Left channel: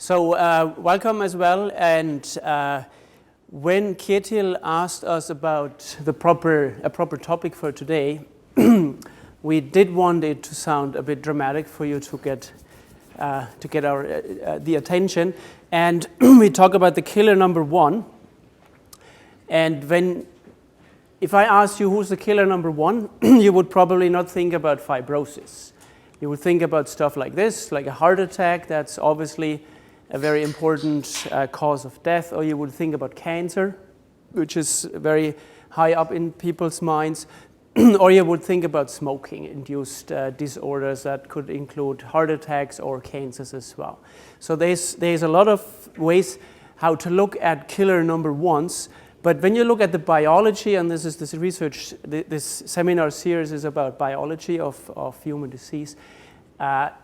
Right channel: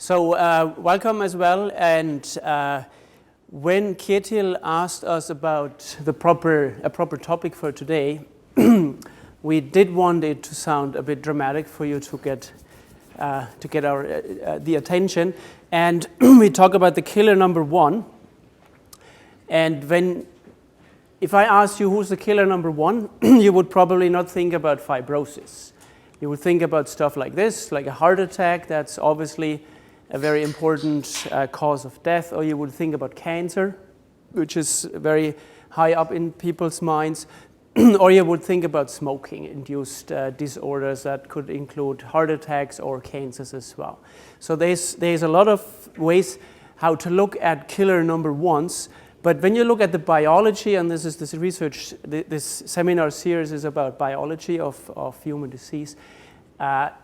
So welcome as well. And when Ketil asked us about a proper topic for today, we did want it to sound a bit dramatic for you to get the attention. And we talk about the killer number one. And if I asked you who's the killer number one, you would probably not think about fibrosis. You would think about stuff like this, like a heart attack. That's obviously a very important cause of death. Or you would think about cancer, which is very high up in people's minds. Or you would think about smoking-induced disorders that could include heart attacks or cancers as well. So there's a lot of ways how to look at killer number ones. But when you look at the biology, and this seminar series is about biology of human disease,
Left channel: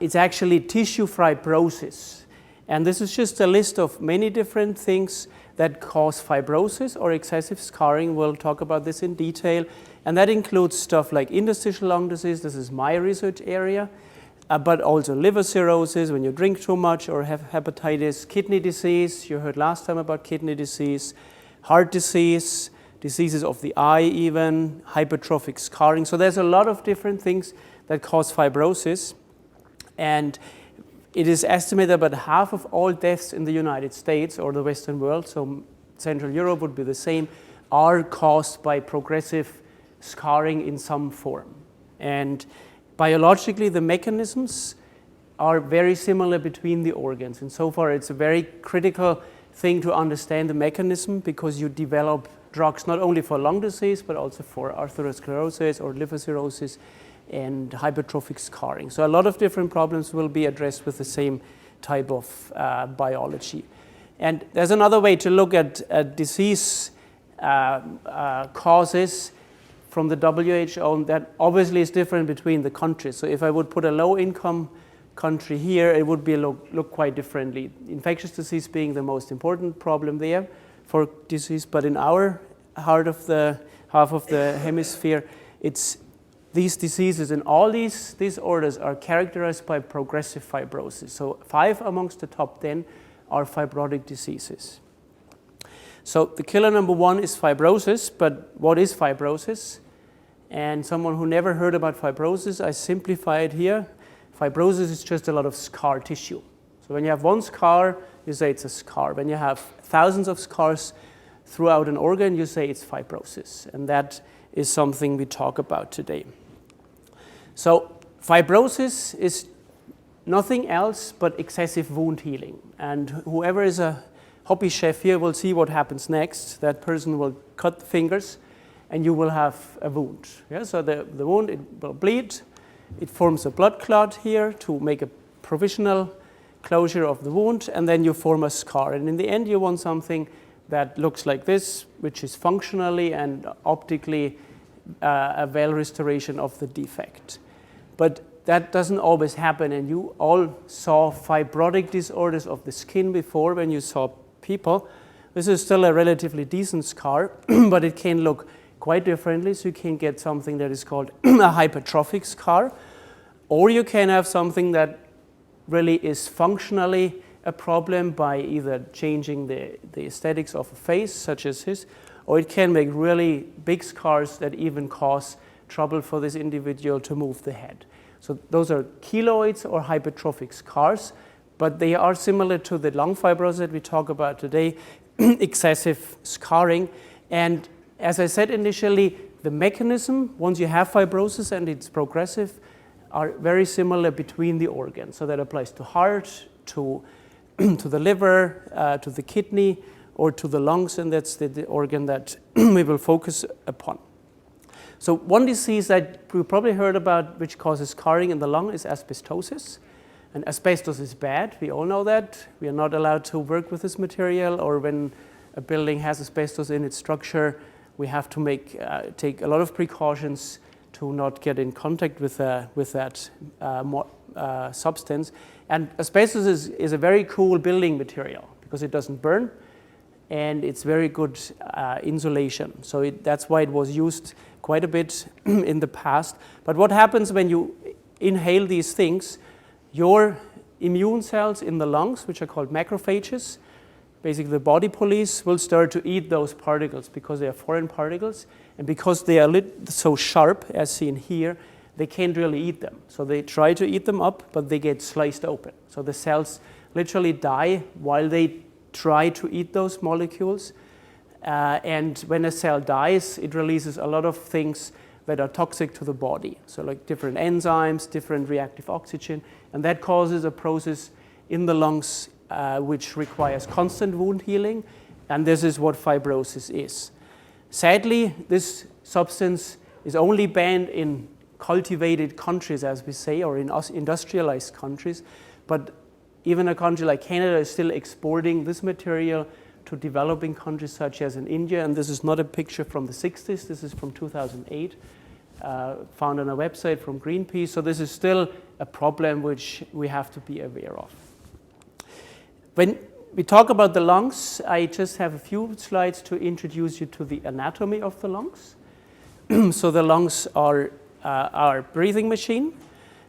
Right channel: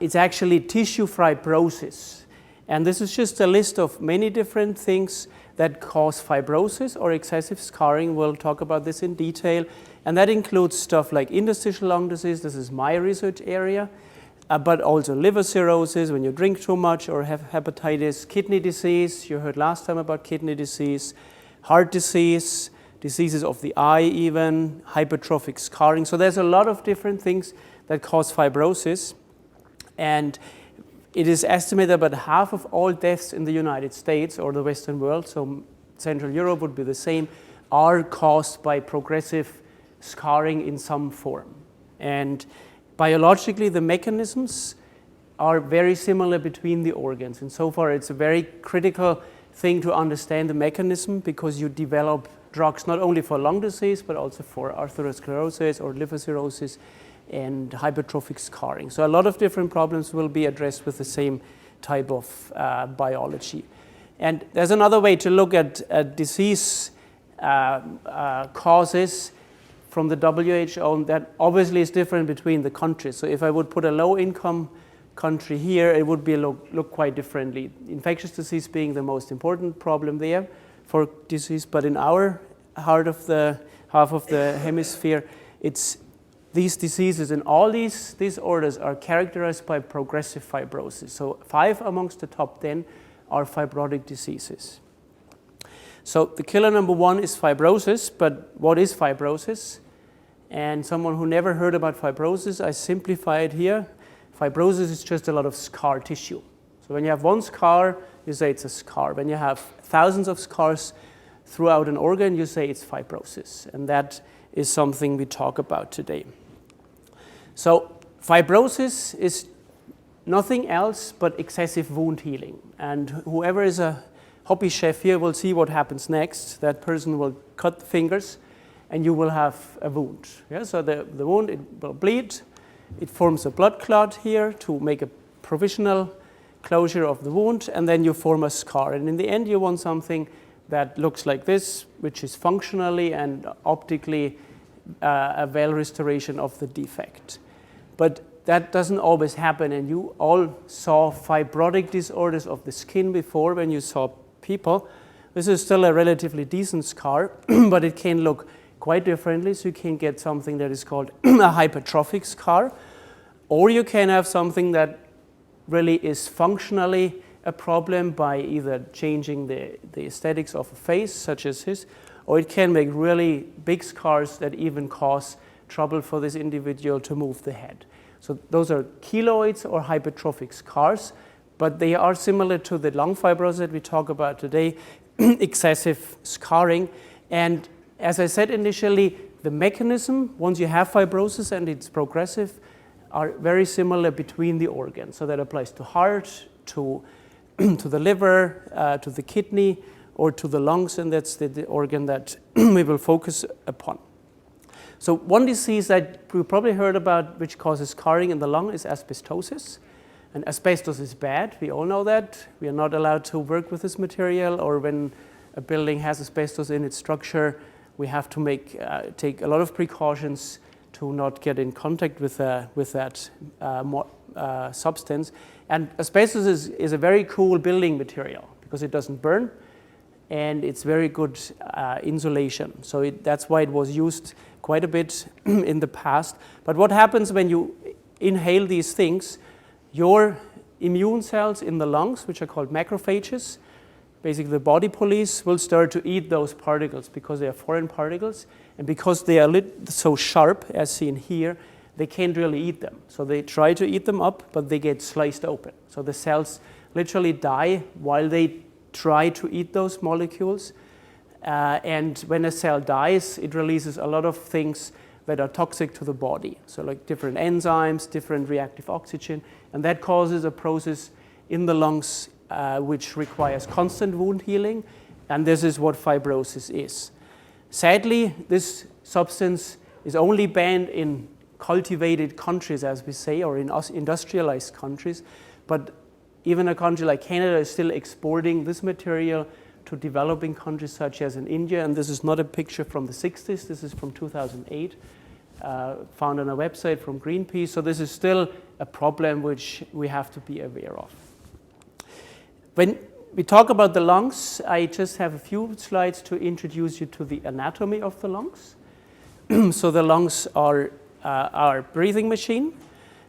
it's actually tissue fibrosis. And this is just a list of many different things that cause fibrosis or excessive scarring. We'll talk about this in detail. And that includes stuff like interstitial lung disease. This is my research area. But also liver cirrhosis when you drink too much or have hepatitis, kidney disease. You heard last time about kidney disease, heart disease, diseases of the eye even, hypertrophic scarring. So there's a lot of different things that cause fibrosis. And it is estimated about half of all deaths in the United States or the Western world, so Central Europe would be the same, are caused by progressive scarring in some form. And biologically, the mechanisms are very similar between the organs. And so far, it's a very critical thing to understand the mechanism because you develop drugs not only for lung disease, but also for atherosclerosis or liver cirrhosis and hypertrophic scarring. So a lot of different problems will be addressed with the same type of biology. And there's another way to look at disease causes from the WHO that obviously is different between the countries. So if I would put a low-income country here, it would be look quite differently. Infectious disease being the most important problem there for disease, but in our half of the hemisphere, it's these diseases and all these disorders are characterized by progressive fibrosis. So 5 amongst the top 10 are fibrotic diseases. So the killer number 1 is fibrosis, but what is fibrosis? And someone who never heard about fibrosis, I simplify it here. Fibrosis is just a lot of scar tissue. So when you have one scar, you say it's a scar. When you have thousands of scars throughout an organ, you say it's fibrosis. And that is something we talk about today. So fibrosis is nothing else but excessive wound healing. And whoever is a hobby chef here will see what happens next. That person will cut the fingers and you will have a wound. Yeah? So the wound, it will bleed. It forms a blood clot here to make a provisional closure of the wound, and then you form a scar. And in the end, you want something that looks like this, which is functionally and optically a well restoration of the defect. But that doesn't always happen, and you all saw fibrotic disorders of the skin before when you saw people. This is still a relatively decent scar, but it can look quite differently. So you can get something that is called a hypertrophic scar, or you can have something that really is functionally a problem by either changing the aesthetics of a face, such as his, or it can make really big scars that even cause trouble for this individual to move the head. So those are keloids or hypertrophic scars, but they are similar to the lung fibrosis that we talk about today, excessive scarring. And as I said initially, the mechanism, once you have fibrosis and it's progressive, are very similar between the organs. So that applies to heart, to the liver, to the kidney, or to the lungs, and that's the organ that we will focus upon. So one disease that we probably heard about which causes scarring in the lung is asbestosis. And asbestos is bad, we all know that. We are not allowed to work with this material, or when a building has asbestos in its structure, we have to take a lot of precautions to not get in contact with that substance. And asbestos is a very cool building material because it doesn't burn and it's very good insulation. So that's why it was used quite a bit in the past. But what happens when you inhale these things? Your immune cells in the lungs, which are called macrophages. Basically, the body police will start to eat those particles because they are foreign particles. And because they are so sharp, as seen here, they can't really eat them. So they try to eat them up, but they get sliced open. So the cells literally die while they try to eat those molecules. And when a cell dies, it releases a lot of things that are toxic to the body. So like different enzymes, different reactive oxygen, and that causes a process in the lungs which requires constant wound healing, and this is what fibrosis is. Sadly, this substance is only banned in cultivated countries, as we say, or in industrialized countries, but even a country like Canada is still exporting this material to developing countries such as in India, and this is not a picture from the 60s, this is from 2008, found on a website from Greenpeace, so this is still a problem which we have to be aware of. When we talk about the lungs, I just have a few slides to introduce you to the anatomy of the lungs. So the lungs are our breathing machine.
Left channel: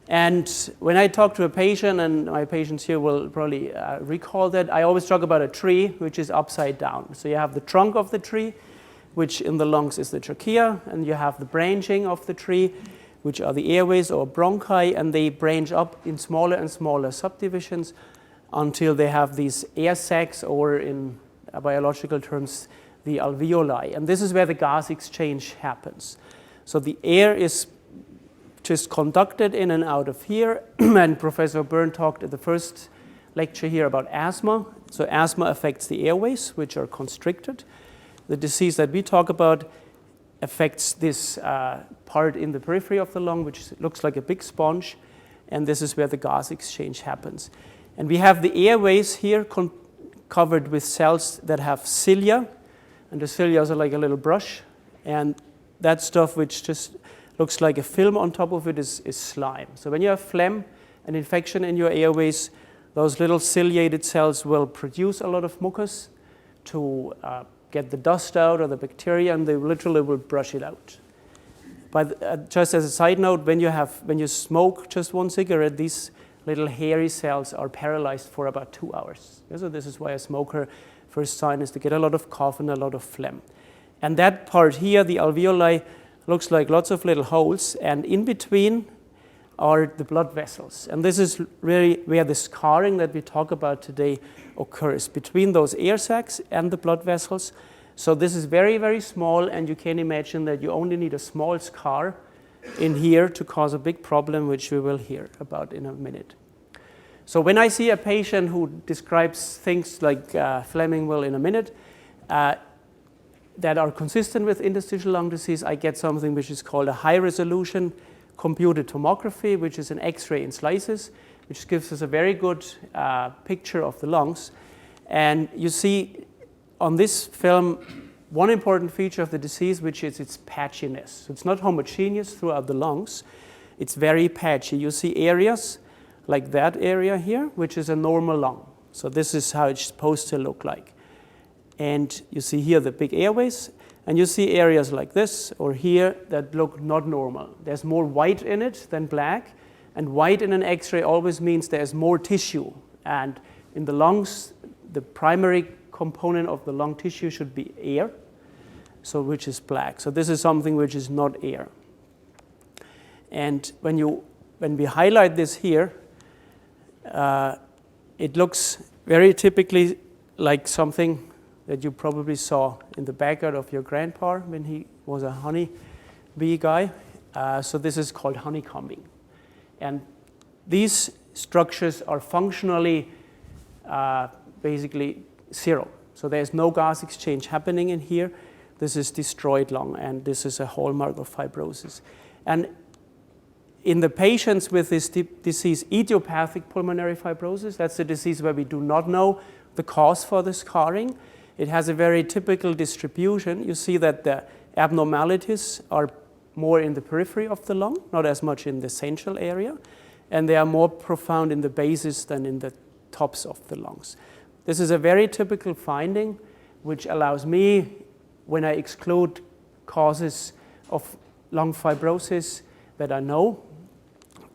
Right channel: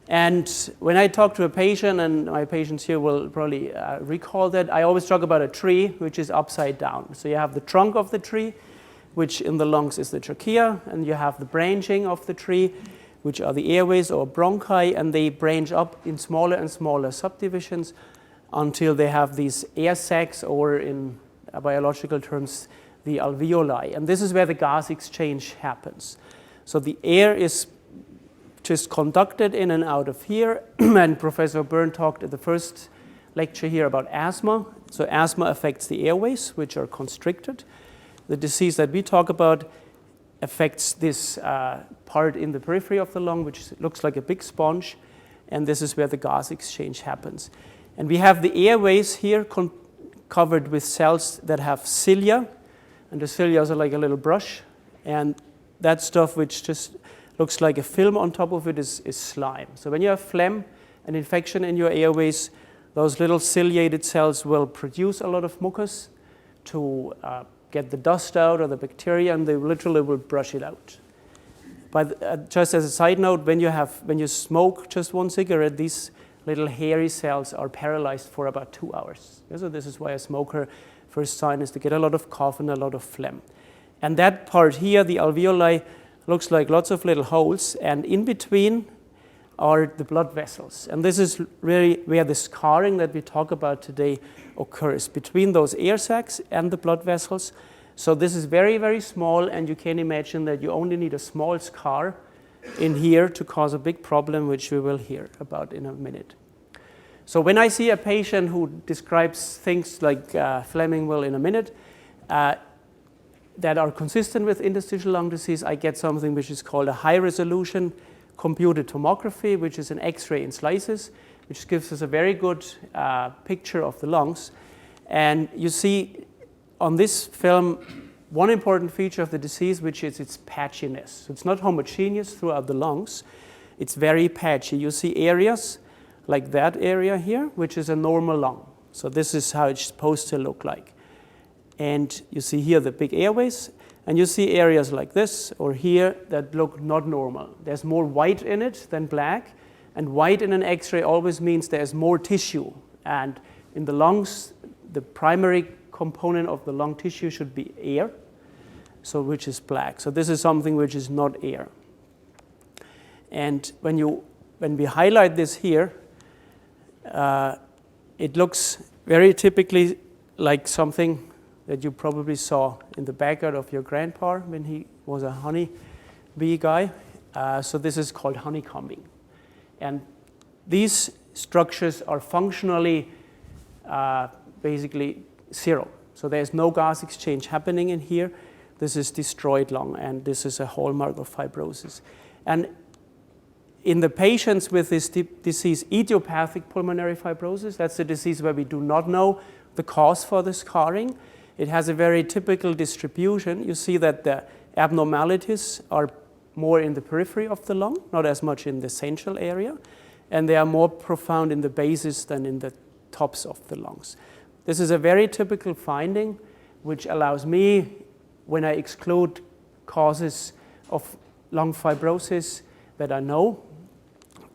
And when I talk to a patient, and my patients here will probably recall that, I always talk about a tree which is upside down. So you have the trunk of the tree, which in the lungs is the trachea, and you have the branching of the tree, which are the airways or bronchi, and they branch up in smaller and smaller subdivisions until they have these air sacs, or in biological terms, the alveoli. And this is where the gas exchange happens. So the air is just conducted in and out of here, and Professor Byrne talked at the first lecture here about asthma. So asthma affects the airways, which are constricted. The disease that we talk about affects this part in the periphery of the lung, which looks like a big sponge, and this is where the gas exchange happens. And we have the airways here covered with cells that have cilia, and the cilia are like a little brush, and that stuff which just looks like a film on top of it is slime. So when you have phlegm, an infection in your airways, those little ciliated cells will produce a lot of mucus to get the dust out or the bacteria, and they literally will brush it out. But just as a side note, when you smoke just one cigarette, these little hairy cells are paralyzed for about 2 hours. So this is why a smoker, first sign is to get a lot of cough and a lot of phlegm. And that part here, the alveoli, looks like lots of little holes, and in between are the blood vessels. And this is really where the scarring that we talk about today occurs, between those air sacs and the blood vessels. So this is very, very small, and you can imagine that you only need a small scar in here to cause a big problem, which we will hear about in a minute. So when I see a patient who describes things like Fleming will in a minute, that are consistent with interstitial lung disease, I get something which is called a high-resolution computed tomography, which is an X-ray in slices, which gives us a very good picture of the lungs. And you see on this film one important feature of the disease, which is its patchiness. So it's not homogeneous throughout the lungs. It's very patchy. You see areas like that area here, which is a normal lung. So this is how it's supposed to look like. And you see here the big airways, and you see areas like this or here that look not normal. There's more white in it than black, and white in an X-ray always means there's more tissue. And in the lungs, the primary component of the lung tissue should be air, so which is black. So this is something which is not air. And when we highlight this here, it looks very typically like something that you probably saw in the backyard of your grandpa when he was a honey bee guy. So this is called honeycombing. And these structures are functionally basically zero. So there's no gas exchange happening in here. This is destroyed lung, and this is a hallmark of fibrosis. And in the patients with this disease, idiopathic pulmonary fibrosis, that's the disease where we do not know the cause for the scarring. It has a very typical distribution. You see that the abnormalities are more in the periphery of the lung, not as much in the central area, and they are more profound in the bases than in the tops of the lungs. This is a very typical finding, which allows me, when I exclude causes of lung fibrosis that I know,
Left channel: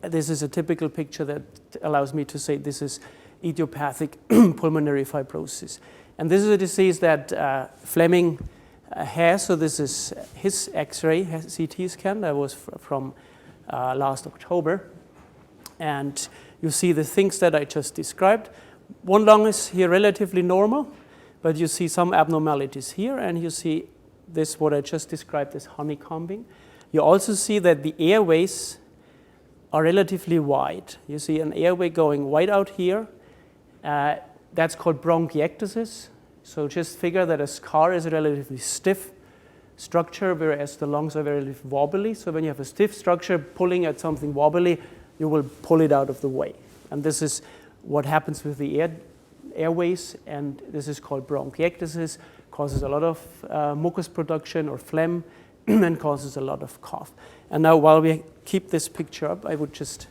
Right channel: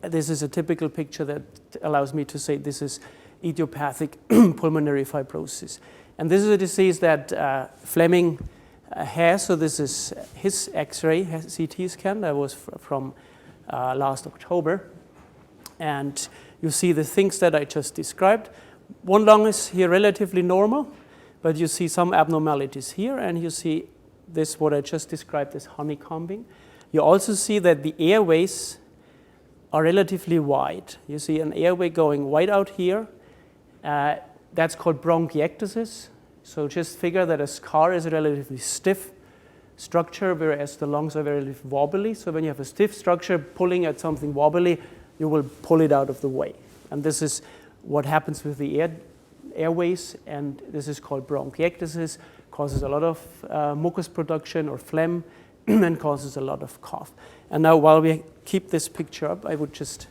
this is a typical picture that allows me to say this is idiopathic pulmonary fibrosis. And this is a disease that Fleming has. So this is his X-ray CT scan that was from last October. And you see the things that I just described. One lung is here relatively normal, but you see some abnormalities here, and you see this, what I just described as honeycombing. You also see that the airways are relatively wide. You see an airway going wide out here. That's called bronchiectasis. So just figure that a scar is a relatively stiff structure, whereas the lungs are relatively wobbly. So when you have a stiff structure pulling at something wobbly, you will pull it out of the way. And this is what happens with the airways, and this is called bronchiectasis, causes a lot of mucus production or phlegm, and causes a lot of cough. And now while we keep this picture up, I would just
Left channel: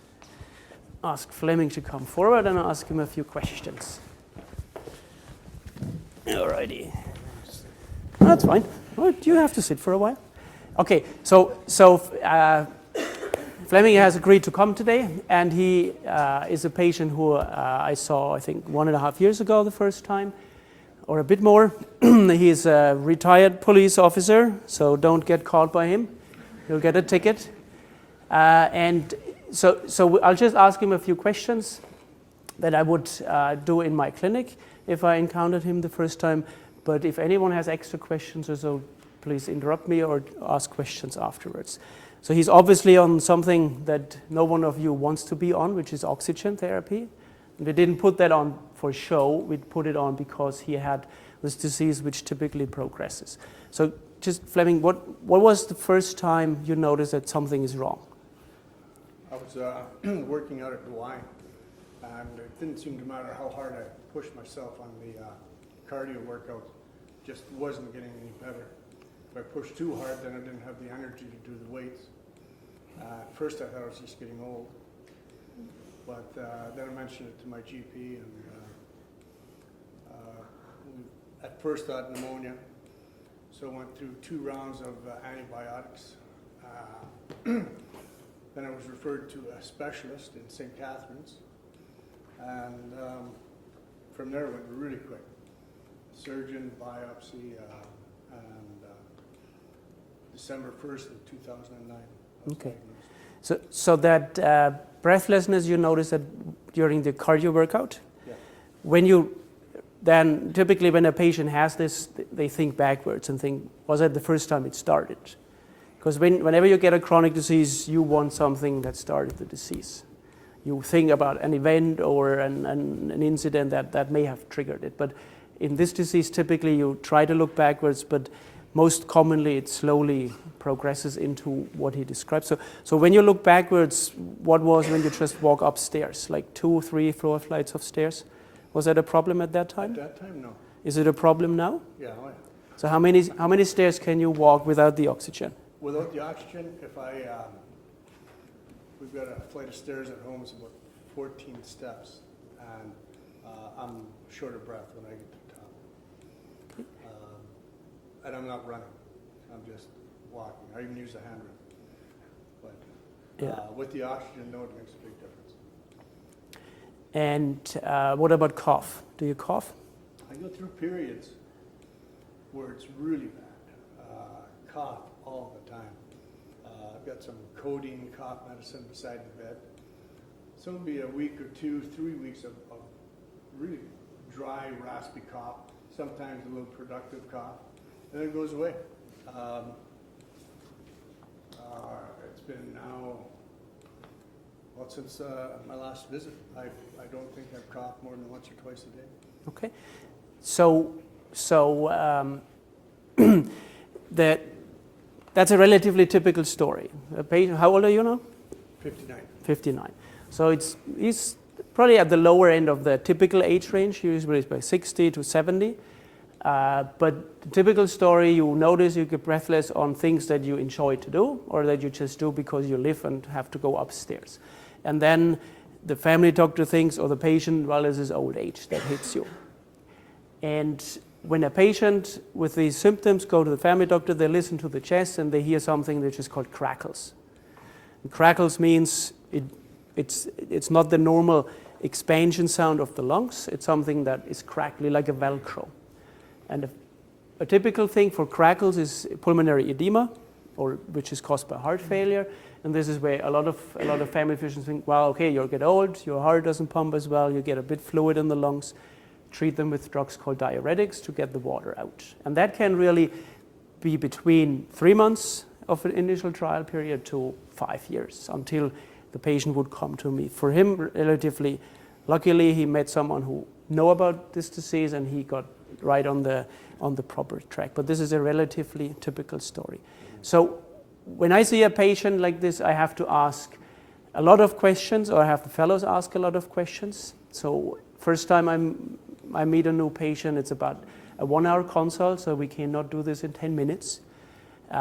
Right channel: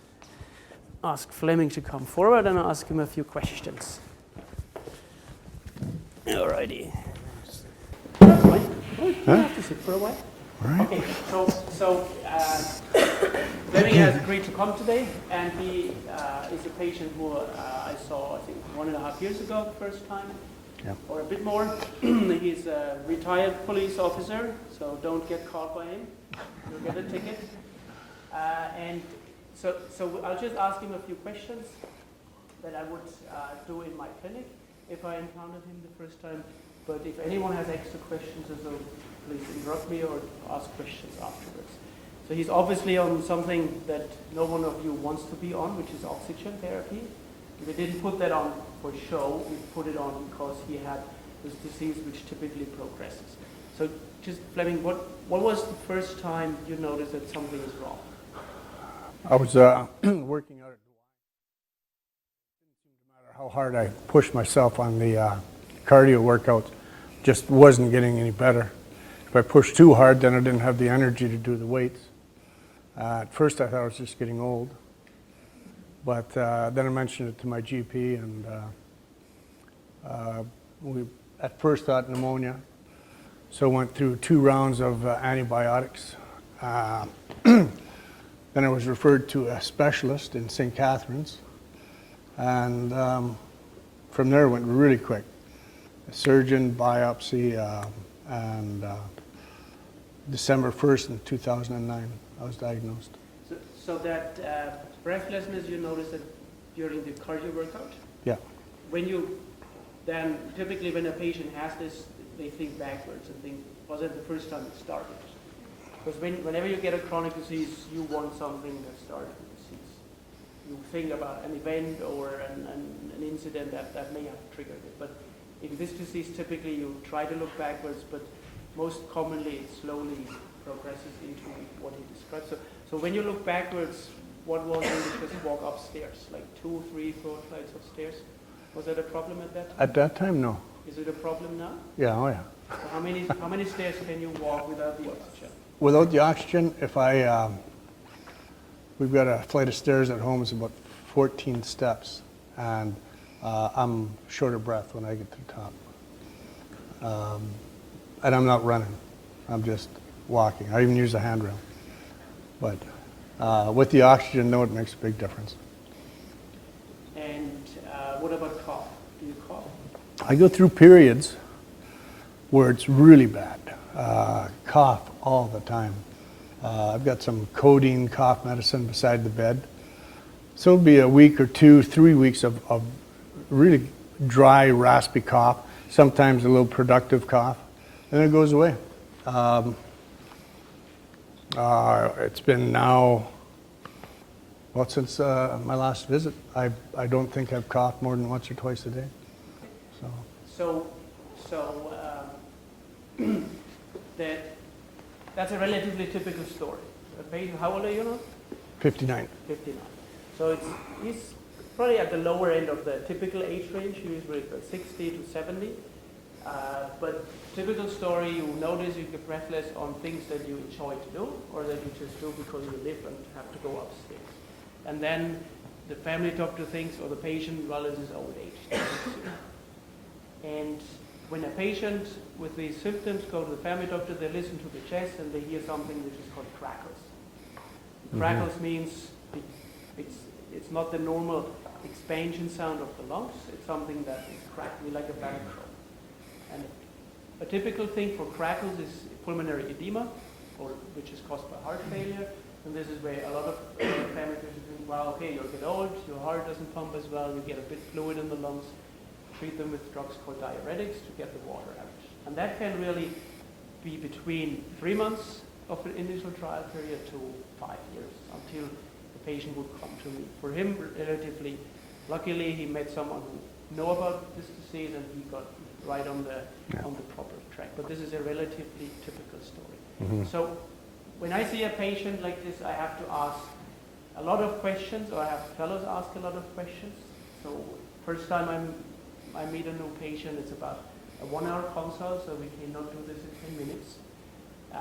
ask Fleming to come forward and ask him a few questions. Alrighty. That's fine. Well, do you have to sit for a while? Right. Okay, so Fleming has agreed to come today, and he is a patient who I saw, I think, 1.5 years ago the first time, or a bit more. He's a retired police officer, so don't get caught by him. You'll get a ticket. And so I'll just ask him a few questions that I would do in my clinic if I encountered him the first time. But if anyone has extra questions or so, please interrupt me or ask questions afterwards. So he's obviously on something that no one of you wants to be on, which is oxygen therapy. We didn't put that on for show. We put it on because he had this disease which typically progresses. So just, Fleming, what was the first time you noticed that something is wrong? I was working out at Gauldie, and it didn't seem to matter how hard I pushed myself on the cardio workouts, just wasn't getting any better. If I pushed too hard, then I didn't have the energy to do the weights. At first I thought I was just getting old, but then I mentioned it to my GP, and we at first thought pneumonia, so went through 2 rounds of antibiotics. Then I was referred to a specialist in St. Catharines, and from there it went really quick. A surgeon, biopsy, and December 1st in 2009, I was diagnosed. So that breathlessness you noticed that during the cardio workout? Yeah. When you then, typically when a patient has this, they think backwards and think, was that the first time it started? Because whenever you get a chronic disease, you want something that started the disease. You think about an event or an incident that may have triggered it. But in this disease, typically you try to look backwards, but most commonly it slowly progresses into what he describes. So when you look backwards, what was when you just walk upstairs, like 2, 3, 4 flights of stairs? Was that a problem at that time? At that time, no. Is it a problem now? Yeah, oh yeah. So how many stairs can you walk without the oxygen? Without the oxygen, if we've got a flight of stairs at home, it's about 14 steps, and I'm short of breath when I get to the top. And I'm not running, I'm just walking. I even use a handrail. But with the oxygen, no, it makes a big difference. And what about cough? Do you cough? I go through periods where it's really bad. Cough all the time. I've got some codeine cough medicine beside the bed. So it'll be a week or 2, 3 weeks of really dry, raspy cough, sometimes a little productive cough, and it goes away. It's been now, well, since my last visit, I don't think I've coughed more than once or twice a day. Okay. So that's a relatively typical story. A patient, how old are you now? 59. 59. So he's probably at the lower end of the typical age range, usually by 60 to 70. But typical story, you notice you get breathless on things that you enjoy to do or that you just do because you live and have to go upstairs. And then the family doctor thinks, or the patient, well, this is old age that hits you. And when a patient with these symptoms go to the family doctor, they listen to the chest and they hear something which is called crackles. And crackles means it's not the normal expansion sound of the lungs. It's something that is crackly like a Velcro. And a typical thing for crackles is pulmonary edema, which is caused by heart failure. And this is where a lot of family physicians think, well, okay, you get old, your heart doesn't pump as well, you get a bit fluid in the lungs, treat them with drugs called diuretics to get the water out. And that can really be between 3 months of an initial trial period to 5 years until the patient would come to me. For him, relatively luckily, he met someone who knew about this disease and he got right on the proper track. But this is a relatively typical story. Mm-hmm. So when I see a patient like this, I have to ask a lot of questions, or I have the fellows ask a lot of questions. So first time I meet a new patient, it's about a 1-hour consult, so we cannot do this in 10 minutes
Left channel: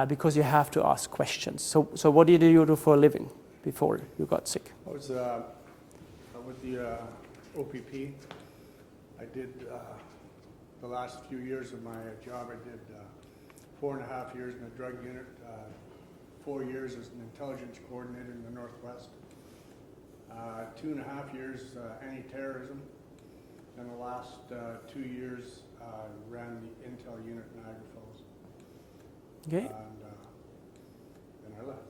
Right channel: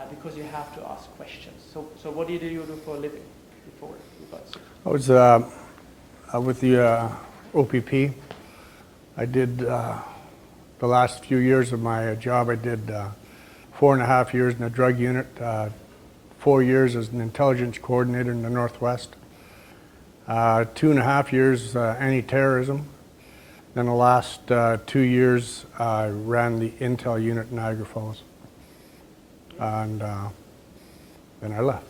because you have to ask questions. So what did you do for a living before you got sick? I was with the OPP. I did the last few years of my job, I did 4.5 years in a drug unit, 4 years as an intelligence coordinator in the Northwest, 2.5 years anti-terrorism. Then the last 2 years, I ran the Intel unit in Niagara Falls. Okay. And then I left.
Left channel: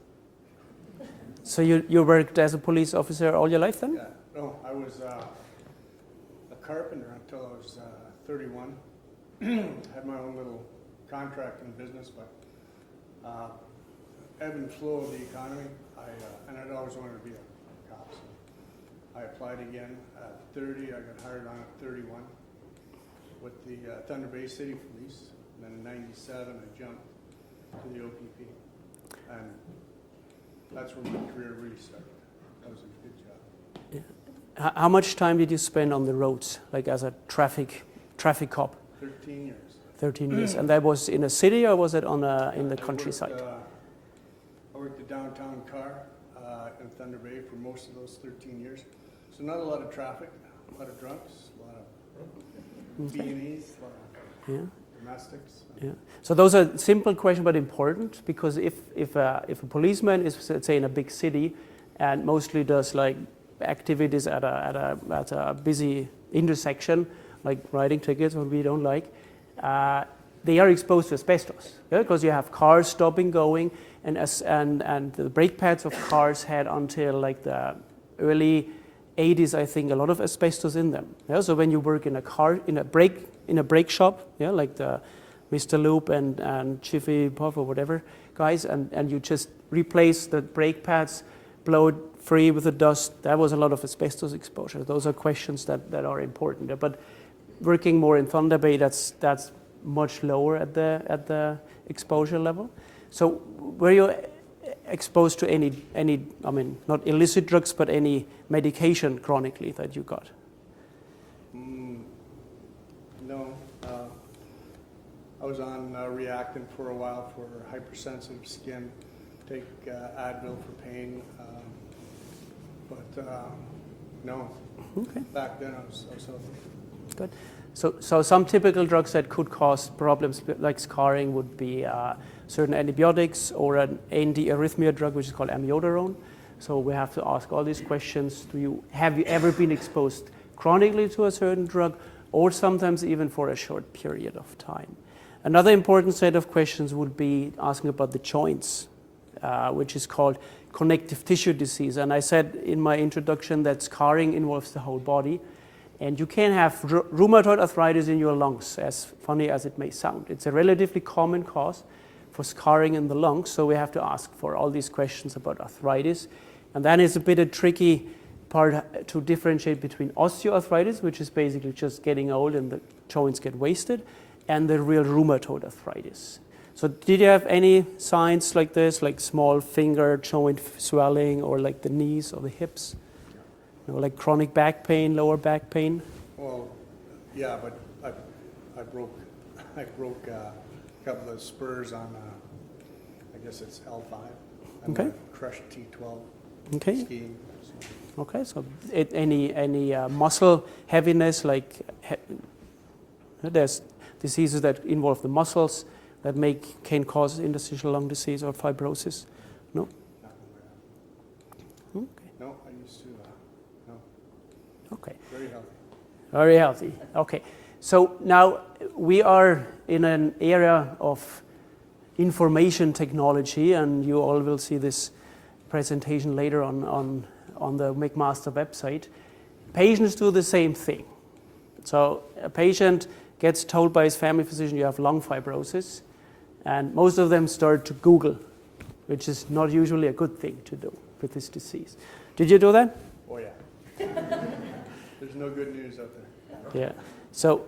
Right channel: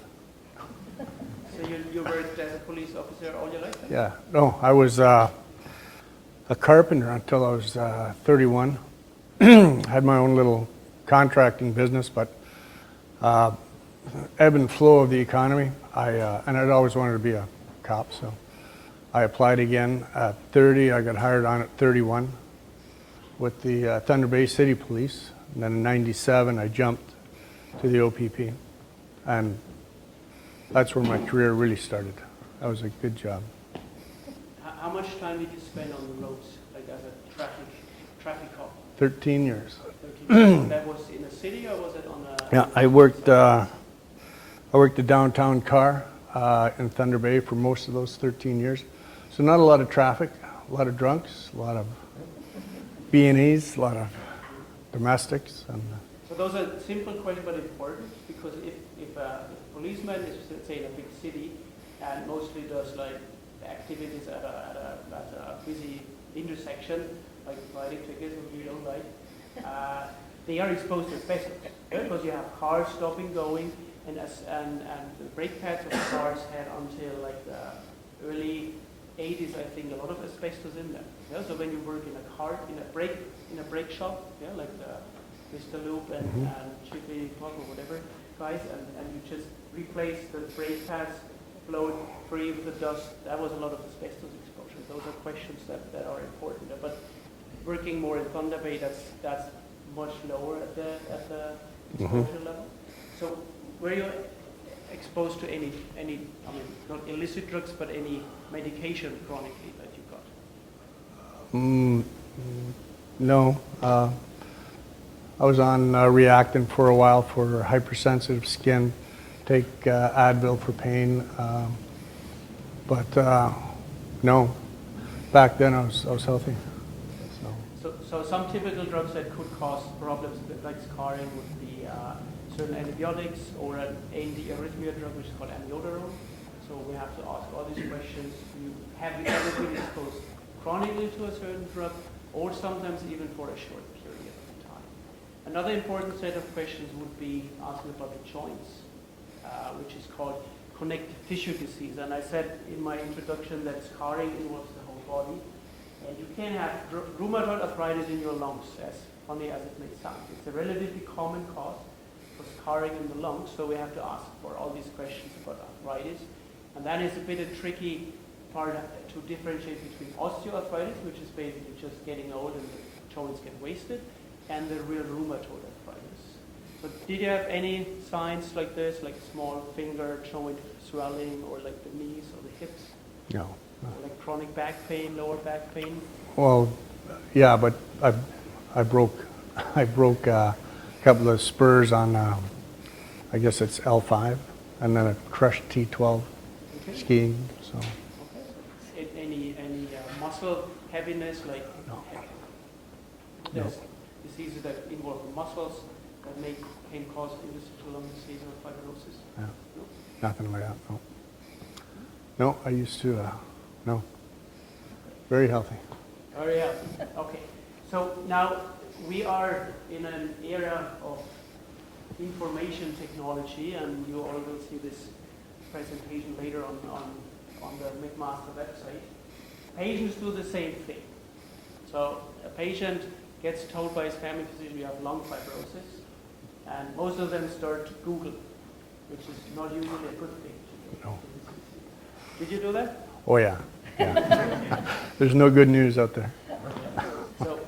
So you worked as a police officer all your life then? Yeah, no, I was a carpenter until I was 31. Had my own little contracting business, but ebb and flow of the economy, and I'd always wanted to be a cop, so I applied again at 30. I got hired on at 31 with the Thunder Bay City Police. And then in 97, I jumped to the OPP. And that's where my career really started. That was a good job. How much time did you spend on the roads, like as a traffic cop? 13 years. 13 years. And that was in a city, or was it on a... Yeah, I worked a downtown car in Thunder Bay for most of those 13 years. So not a lot of traffic, a lot of drunks, a lot of B&Es, a lot of domestics. And, yeah. So those are simple questions but important, because if a policeman is, let's say, in a big city and mostly does like activities at a busy intersection, like writing tickets, what we don't like, they are exposed to asbestos, because you have cars stopping, going, and the brake pads of cars had until like the early 80s, I think, a lot of asbestos in them. Yeah? So when you work in a car, in a brake shop, yeah, like the Mr. Loop and Jiffy Puff or whatever guys, and you just replace the brake pads, blow it free with the dust, that was a lot of asbestos exposure. Those are questions that are important. But working more in Thunder Bay, that's much lower at the exposure level. So were you exposed to any, I mean, not illicit drugs, but any medication chronically that you got? No. I was on Reactant for a while for hypersensitive skin, take Advil for pain, but no. Okay. Back then I was healthy. Good. So some typical drugs that could cause problems like scarring would be certain antibiotics or an anti-arrhythmia drug which is called amiodarone. So we have to ask all these questions. Have you ever been exposed chronically to a certain drug, or sometimes even for a short period of time? Another important set of questions would be asking about the joints, which is called connective tissue disease. And I said in my introduction that scarring involves the whole body. And you can have rheumatoid arthritis in your lungs, as funny as it may sound. It's a relatively common cause for scarring in the lungs, so we have to ask for all these questions about arthritis. And then it's a bit a tricky part to differentiate between osteoarthritis, which is basically just getting old and the joints get wasted, and the real rheumatoid arthritis. So did you have any signs like this, like small finger joint swelling, or like the knees or the hips? No. Or like chronic back pain, lower back pain? Well, yeah, but I broke a couple of spurs on, I guess it's L5, and then a crushed T12 skiing. So. Okay, so any muscle heaviness, like there's diseases that involve the muscles that can cause interstitial lung disease or fibrosis? Yeah. No? Nothing like that, no. No, I used to, no. Okay. Very healthy. Very healthy. Okay. So now we are in an area of information technology, and you all will see this presentation later on the McMaster website. Patients do the same thing. So a patient gets told by his family physician, you have lung fibrosis, and most of them start to Google, which is not usually a good thing to do with this disease. Did you do that? Oh yeah. There's no good news out there. Yeah. So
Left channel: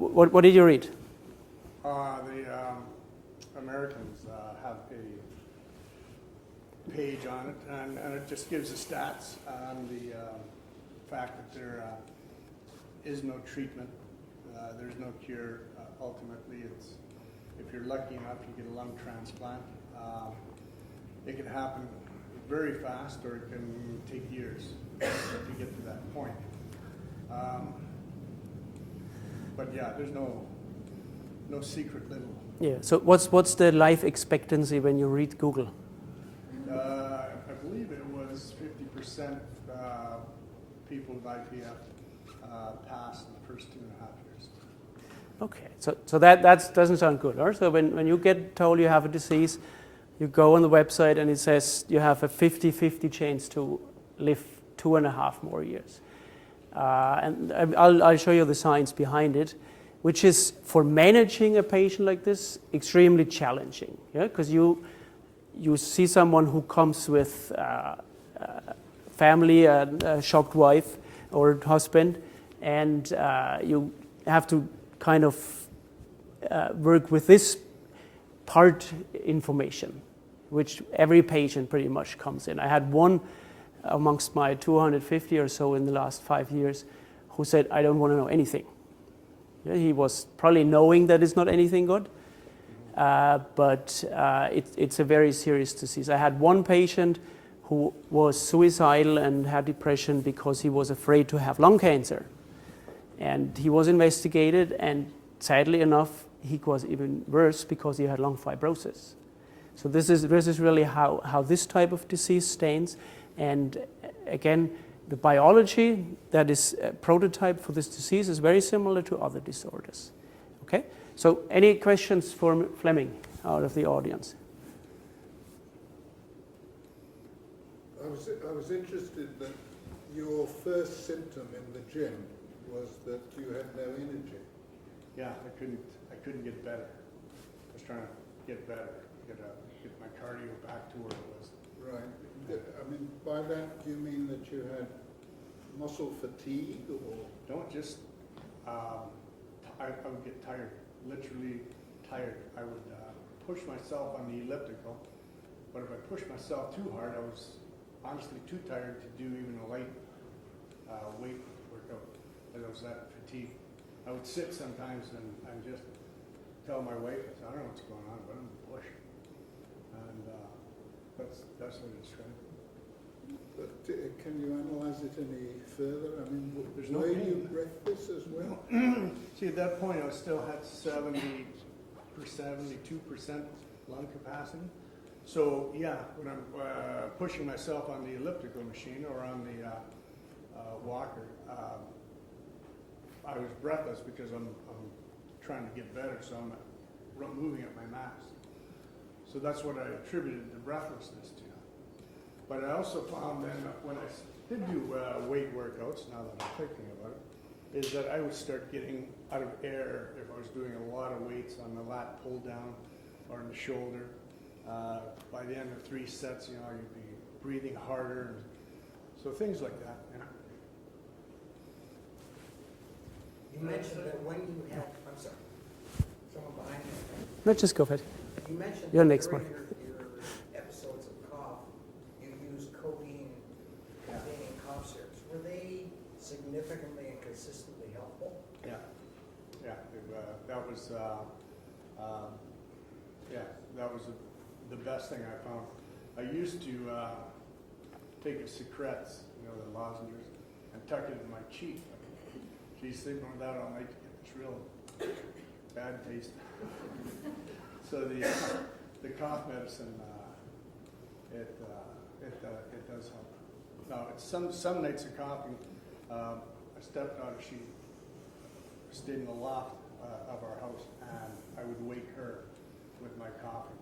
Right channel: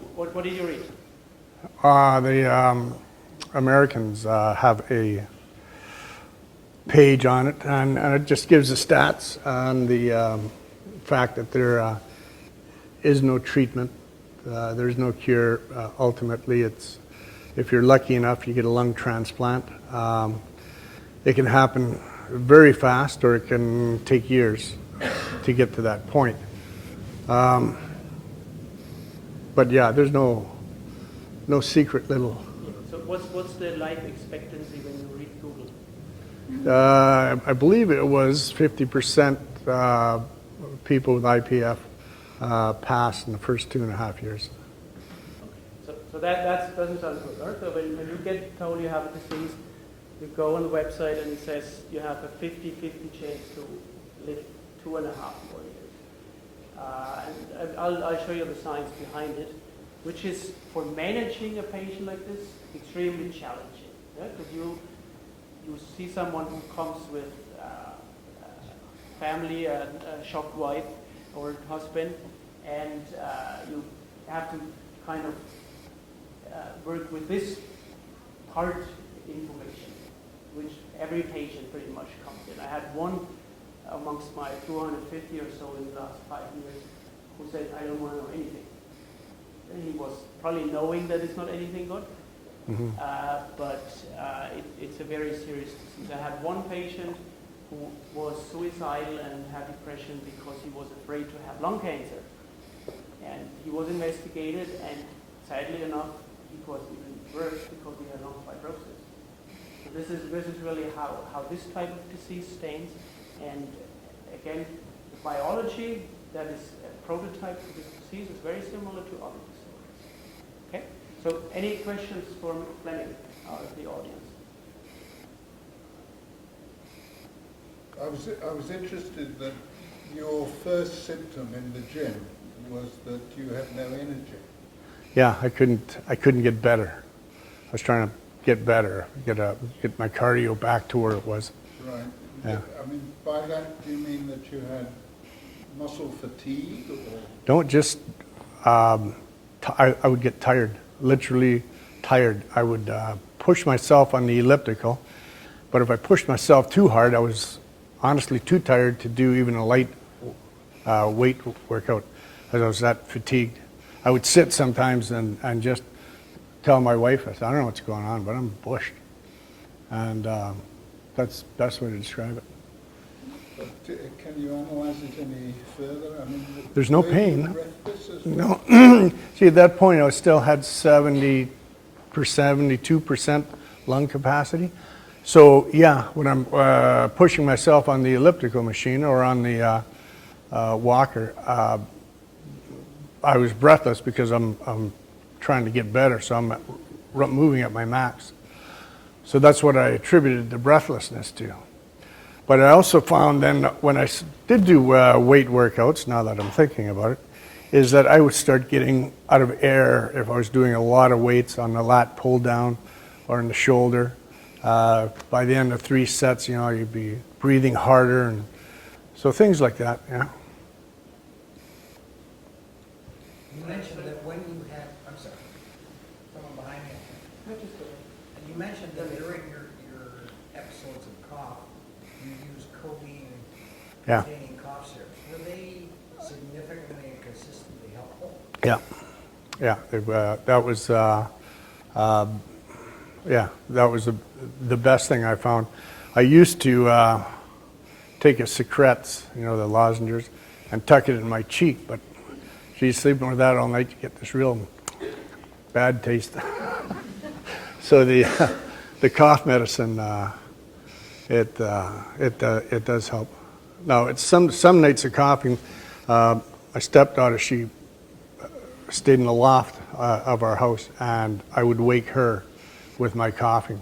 what did you read? The Americans have a page on it, and it just gives the stats on the fact that there is no treatment, there's no cure. Ultimately, it's, if you're lucky enough, you get a lung transplant. It can happen very fast, or it can take years to get to that point. But yeah, there's no secret little. Yeah. So what's the life expectancy when you read Google? I believe it was 50% people with IPF pass in the first 2.5 years. Okay. So that doesn't sound good. Or so when you get told you have a disease, you go on the website and it says you have a 50-50 chance to live 2.5 more years. And I'll show you the science behind it, which is, for managing a patient like this, extremely challenging. Yeah, because you see someone who comes with family, a shocked wife or husband, and you have to kind of work with this part information, which every patient pretty much comes in. I had one amongst my 250 or so in the last 5 years who said, I don't want to know anything. Yeah, he was probably knowing that it's not anything good, but it's a very serious disease. I had one patient who was suicidal and had depression because he was afraid to have lung cancer. And he was investigated, and sadly enough, he was even worse because he had lung fibrosis. So this is really how this type of disease stands. And again, the biology that is a prototype for this disease is very similar to other disorders. Okay? So any questions for Fleming out of the audience? I was interested that your first symptom in the gym was that you had no energy. Yeah, I couldn't get better. I was trying to get better, get my cardio back to where it was. Right. Yeah. I mean, by that, do you mean that you had muscle fatigue, or? Don't just, I would get tired, literally tired. I would push myself on the elliptical, but if I pushed myself too hard, I was honestly too tired to do even a light weight workout, because I was that fatigued. I would sit sometimes and just tell my wife, I said, I don't know what's going on, but I'm bushed. And that's the best way to describe it. But can you analyze it any further? I mean, there's no pain. Breathless as No. well? See, at that point, I still had 72% lung capacity. So, yeah, when I'm pushing myself on the elliptical machine or on the walker, I was breathless because I'm trying to get better, so I'm moving at my max. So that's what I attributed the breathlessness to. But I also found then when I did do weight workouts, now that I'm thinking about it, is that I would start getting out of air if I was doing a lot of weights on the lat pull down or in the shoulder. By the end of 3 sets, you know, you'd be breathing harder, and so things like that, yeah. You mentioned that when you had, I'm sorry, someone behind you. Let's just go ahead. You mentioned You're that next during one. your episodes of cough, you used codeine Yeah. containing cough syrups. Were they significantly and consistently helpful? Yeah, yeah. That was, that was the best thing I found. I used to take a Secrets, you know, the lozenges, and tuck it in my cheek, but she's sleeping with that all night, you get this real bad taste. So the cough medicine, it does help. No, it's some nights of coughing. My stepdaughter, she stayed in the loft of our house, and I would wake her with my coughing.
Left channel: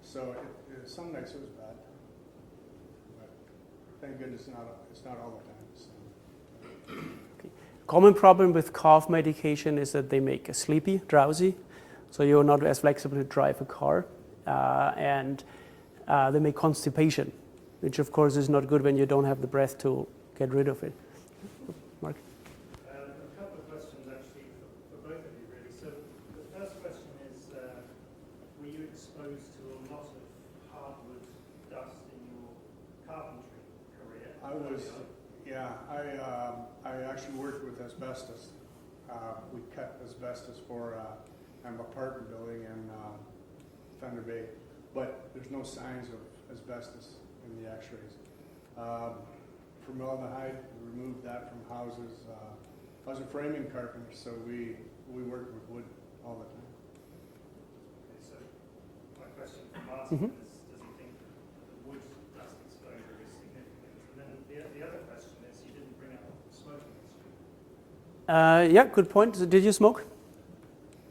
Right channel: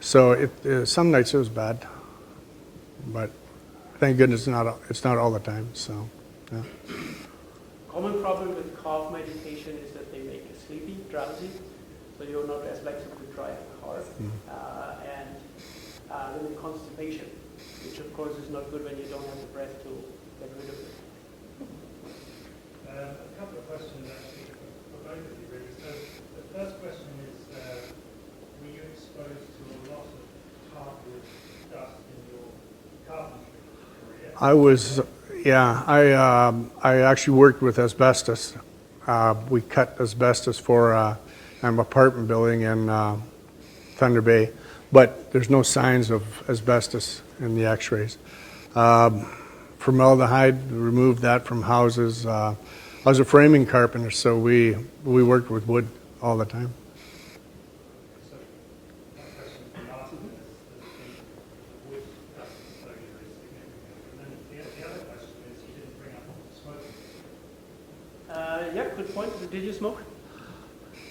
So some nights it was bad, but thank goodness it's not all the time. So, yeah. Common problem with cough medication is that they make you sleepy, drowsy, so you're not as flexible to drive a car, and they make constipation, which of course is not good when you don't have the breath to get rid of it. Mark? A couple of questions actually for both of you really. So the first question is, were you exposed to a lot of hardwood dust in your carpentry career? I was, yeah, I actually worked with asbestos. We cut asbestos for an apartment building in Thunder Bay, but there's no signs of asbestos in the x-rays. Formaldehyde, removed that from houses. I was a framing carpenter, so we worked with wood all the time. So my question from last one is, the wood dust exposure is significant. And then the other question is, you didn't bring up smoking. Yeah, good point. Did you smoke?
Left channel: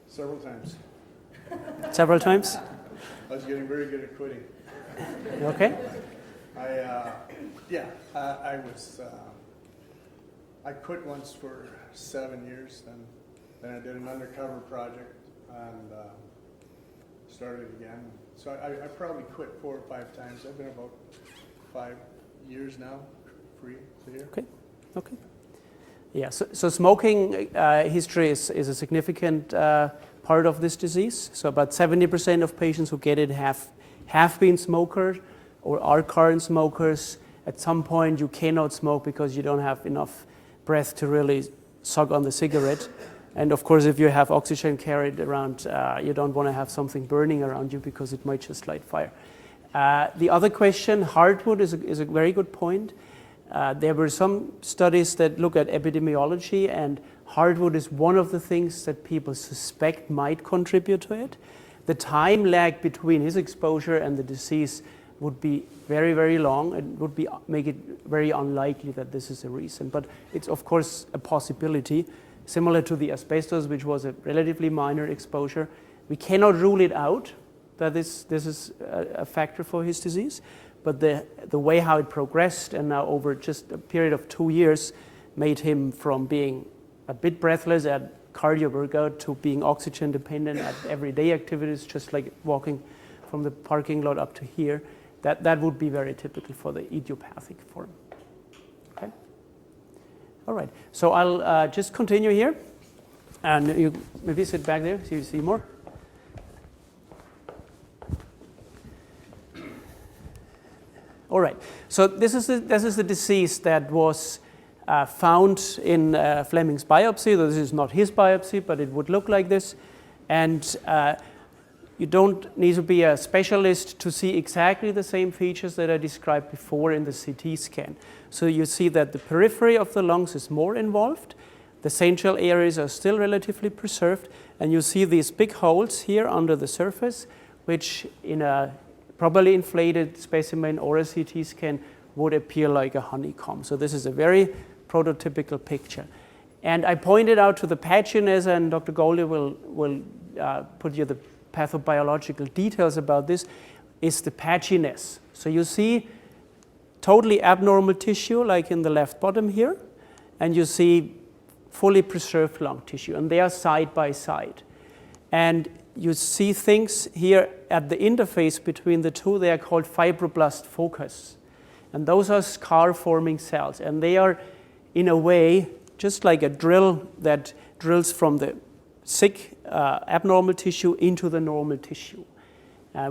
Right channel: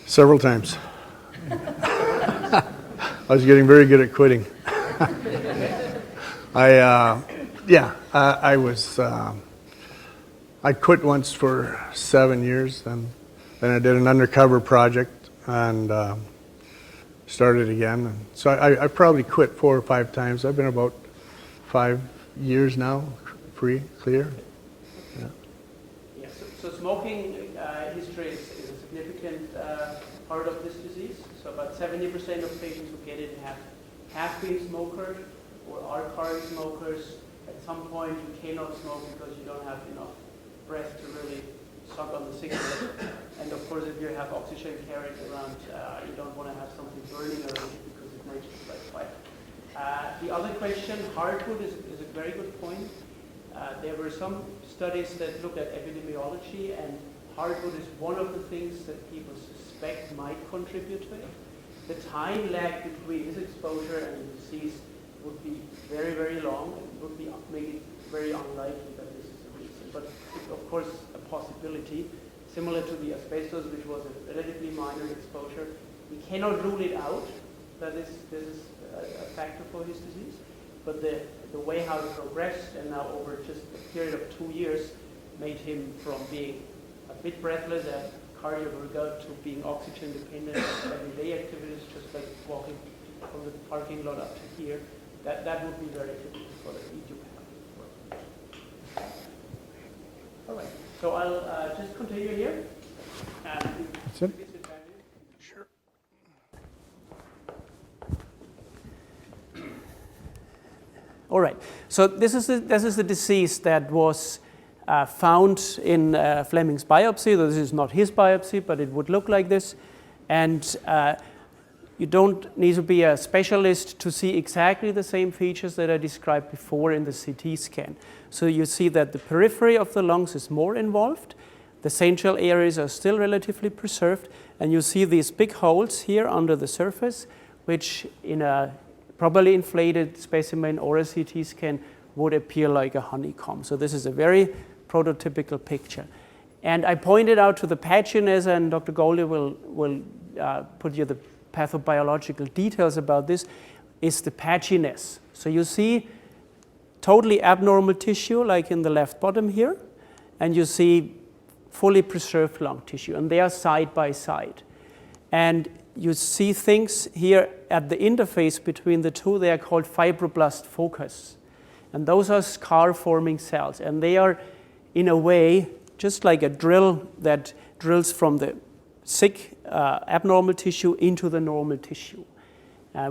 Several times. Several times? I was getting very good at quitting. Okay. I quit once for 7 years, then I did an undercover project and started again. And so I probably quit 4 or 5 times. I've been about 5 years now, free, clear. Okay. Okay. Yeah, so smoking history is a significant part of this disease. So about 70% of patients who get it have been smokers or are current smokers. At some point you cannot smoke because you don't have enough breath to really suck on the cigarette. And of course, if you have oxygen carried around, you don't want to have something burning around you because it might just light fire. The other question, hardwood, is a very good point. There were some studies that look at epidemiology, and hardwood is one of the things that people suspect might contribute to it. The time lag between his exposure and the disease would be very, very long and would make it very unlikely that this is a reason. But it's of course a possibility, similar to the asbestos, which was a relatively minor exposure. We cannot rule it out that this is a factor for his disease, but the way how it progressed and now over just a period of 2 years made him from being a bit breathless at cardio workout to being oxygen dependent at everyday activities, just like walking from the parking lot up to here. That would be very typical for the idiopathic form. Okay. All right, so I'll just continue here, and you maybe sit back there so you see more. All right, so this is the disease that was found in Fleming's biopsy. This is not his biopsy, but it would look like this. And you don't need to be a specialist to see exactly the same features that I described before in the CT scan. So you see that the periphery of the lungs is more involved. The central areas are still relatively preserved. And you see these big holes here under the surface, which in a properly inflated specimen or a CT scan would appear like a honeycomb. So this is a very prototypical picture. And I pointed out to the patchiness, and Dr. Gauldie will put you the pathobiological details about this, is the patchiness. So you see totally abnormal tissue, like in the left bottom here, and you see fully preserved lung tissue, and they are side by side. And you see things here at the interface between the two. They are called fibroblast focus. And those are scar-forming cells. And they are, in a way, just like a drill that drills from the sick abnormal tissue into the normal tissue.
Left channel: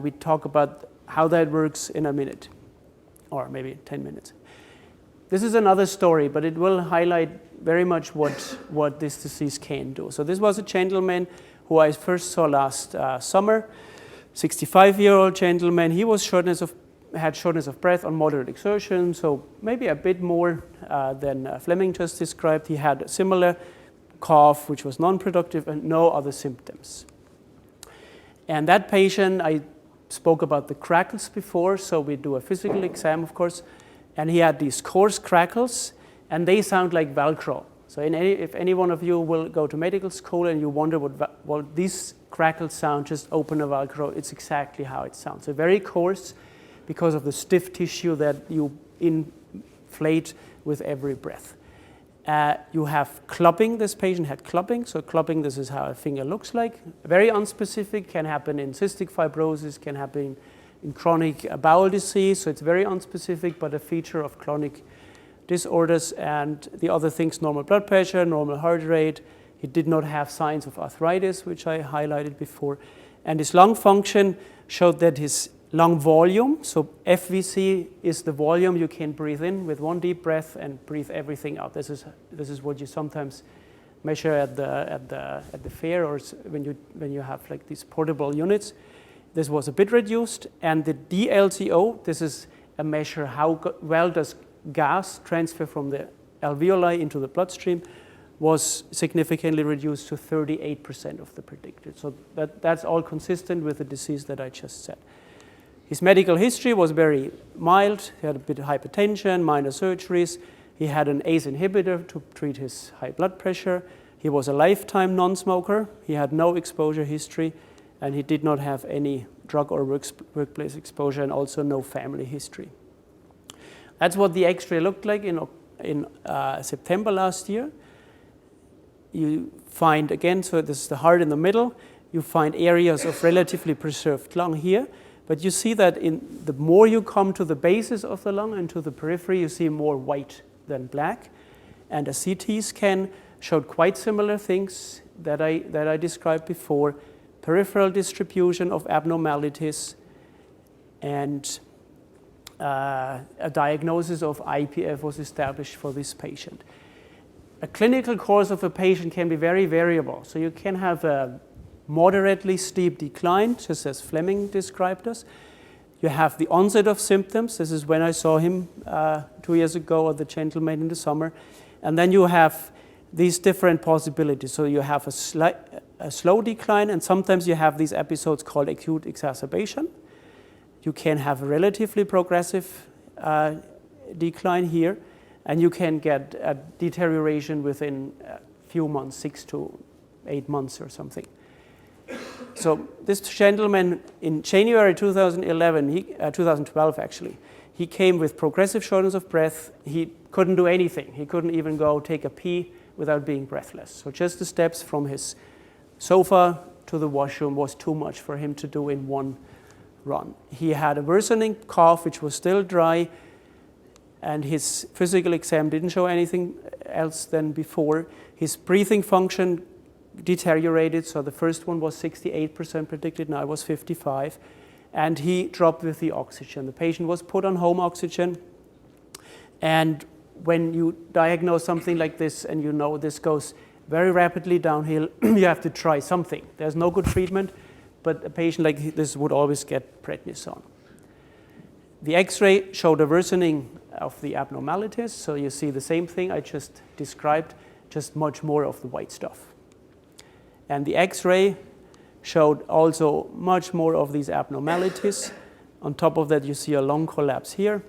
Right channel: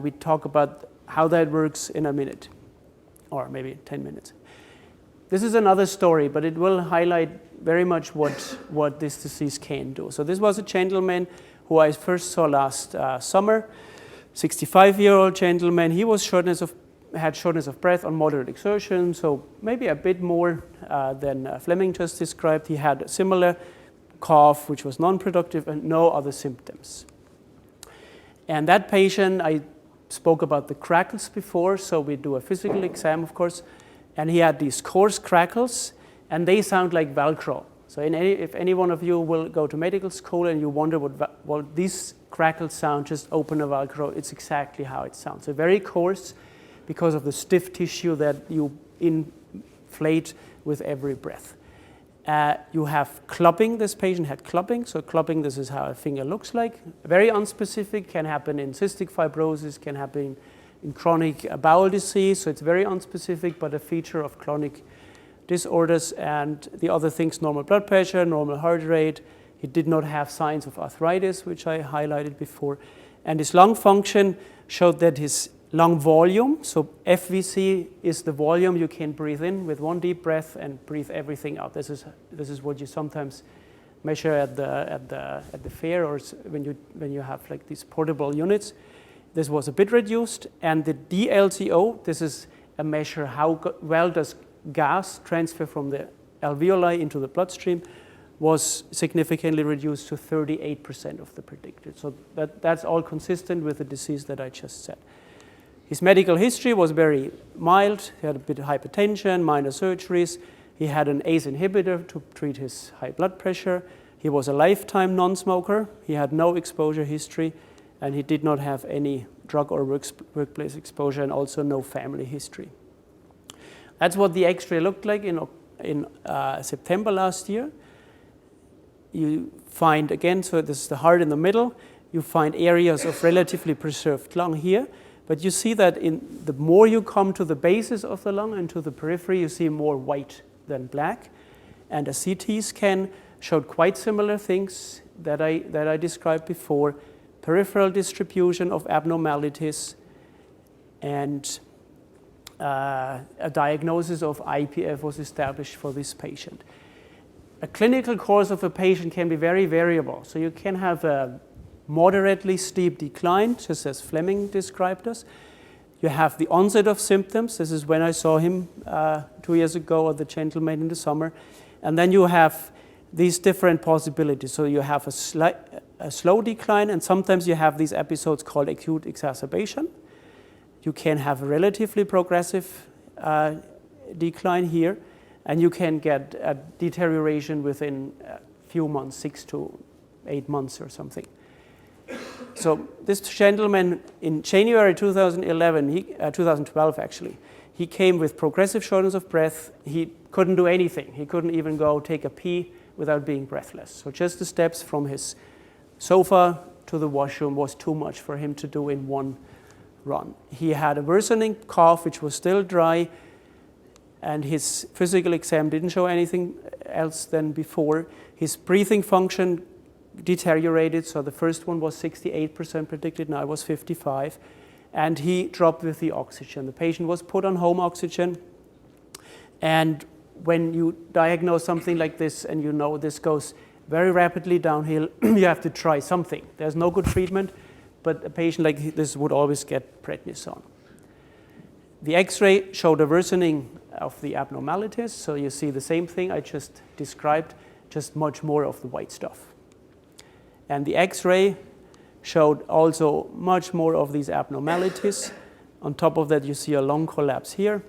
We talk about how that works in a minute, or maybe 10 minutes. This is another story, but it will highlight very much what this disease can do. So this was a gentleman who I first saw last summer, 65-year-old gentleman. He was had shortness of breath on moderate exertion, so maybe a bit more than Fleming just described. He had a similar cough, which was non-productive, and no other symptoms. And that patient, I spoke about the crackles before, so we do a physical exam, of course, and he had these coarse crackles, and they sound like Velcro. So if any one of you will go to medical school and you wonder what these crackles sound, just open a Velcro, it's exactly how it sounds. So very coarse because of the stiff tissue that you inflate with every breath. You have clubbing. This patient had clubbing. So clubbing, this is how a finger looks like. Very unspecific, can happen in cystic fibrosis, can happen in chronic bowel disease. So it's very unspecific, but a feature of chronic disorders. And the other things, normal blood pressure, normal heart rate. He did not have signs of arthritis, which I highlighted before. And his lung function showed that his lung volume, so FVC is the volume you can breathe in with one deep breath and breathe everything out. This is what you sometimes measure at the fair, or when you have like these portable units. This was a bit reduced, and the DLCO, this is a measure how well does gas transfer from the alveoli into the bloodstream, was significantly reduced to 38% of the predicted. So that's all consistent with the disease that I just said. His medical history was very mild. He had a bit of hypertension, minor surgeries. He had an ACE inhibitor to treat his high blood pressure. He was a lifetime non-smoker. He had no exposure history, and he did not have any drug or workplace exposure, and also no family history. That's what the X-ray looked like in September last year. You find, again, so this is the heart in the middle. You find areas of relatively preserved lung here. But you see that the more you come to the basis of the lung and to the periphery, you see more white than black. And a CT scan showed quite similar things that I described before: peripheral distribution of abnormalities, and a diagnosis of IPF was established for this patient. A clinical course of a patient can be very variable. So you can have a moderately steep decline, just as Fleming described us. You have the onset of symptoms. This is when I saw him 2 years ago, or the gentleman in the summer. And then you have these different possibilities. So you have a slow decline, and sometimes you have these episodes called acute exacerbation. You can have a relatively progressive decline here, and you can get a deterioration within a few months, 6 to 8 months or something. So this gentleman in January 2012 actually, he came with progressive shortness of breath. He couldn't do anything. He couldn't even go take a pee without being breathless. So just the steps from his sofa to the washroom was too much for him to do in one run. He had a worsening cough, which was still dry, and his physical exam didn't show anything else than before. His breathing function deteriorated, so the first one was 68% predicted, now it was 55%, and he dropped with the oxygen. The patient was put on home oxygen, and when you diagnose something like this and you know this goes very rapidly downhill, you have to try something. There's no good treatment, but a patient like this would always get prednisone. The X-ray showed a worsening of the abnormalities, so you see the same thing I just described, just much more of the white stuff. And the X-ray showed also much more of these abnormalities. On top of that, you see a lung collapse here.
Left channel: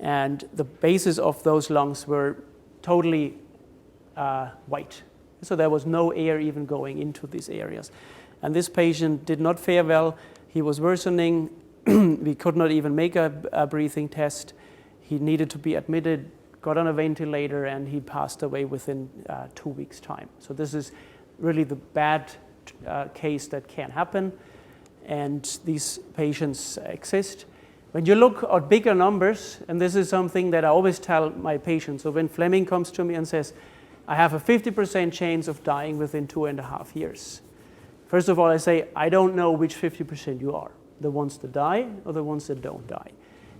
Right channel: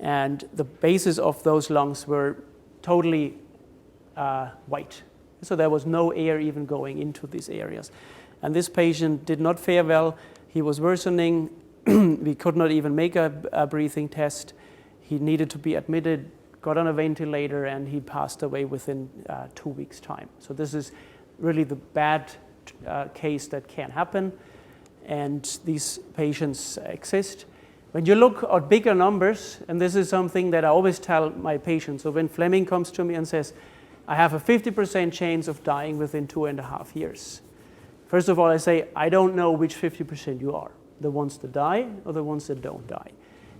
And the bases of those lungs were totally white. So there was no air even going into these areas. And this patient did not fare well. He was worsening. We could not even make a breathing test. He needed to be admitted, got on a ventilator, and he passed away within 2 weeks' time. So this is really the bad case that can happen, and these patients exist. When you look at bigger numbers, and this is something that I always tell my patients, so when Fleming comes to me and says, I have a 50% chance of dying within 2.5 years. First of all, I say, I don't know which 50% you are, the ones that die or the ones that don't die.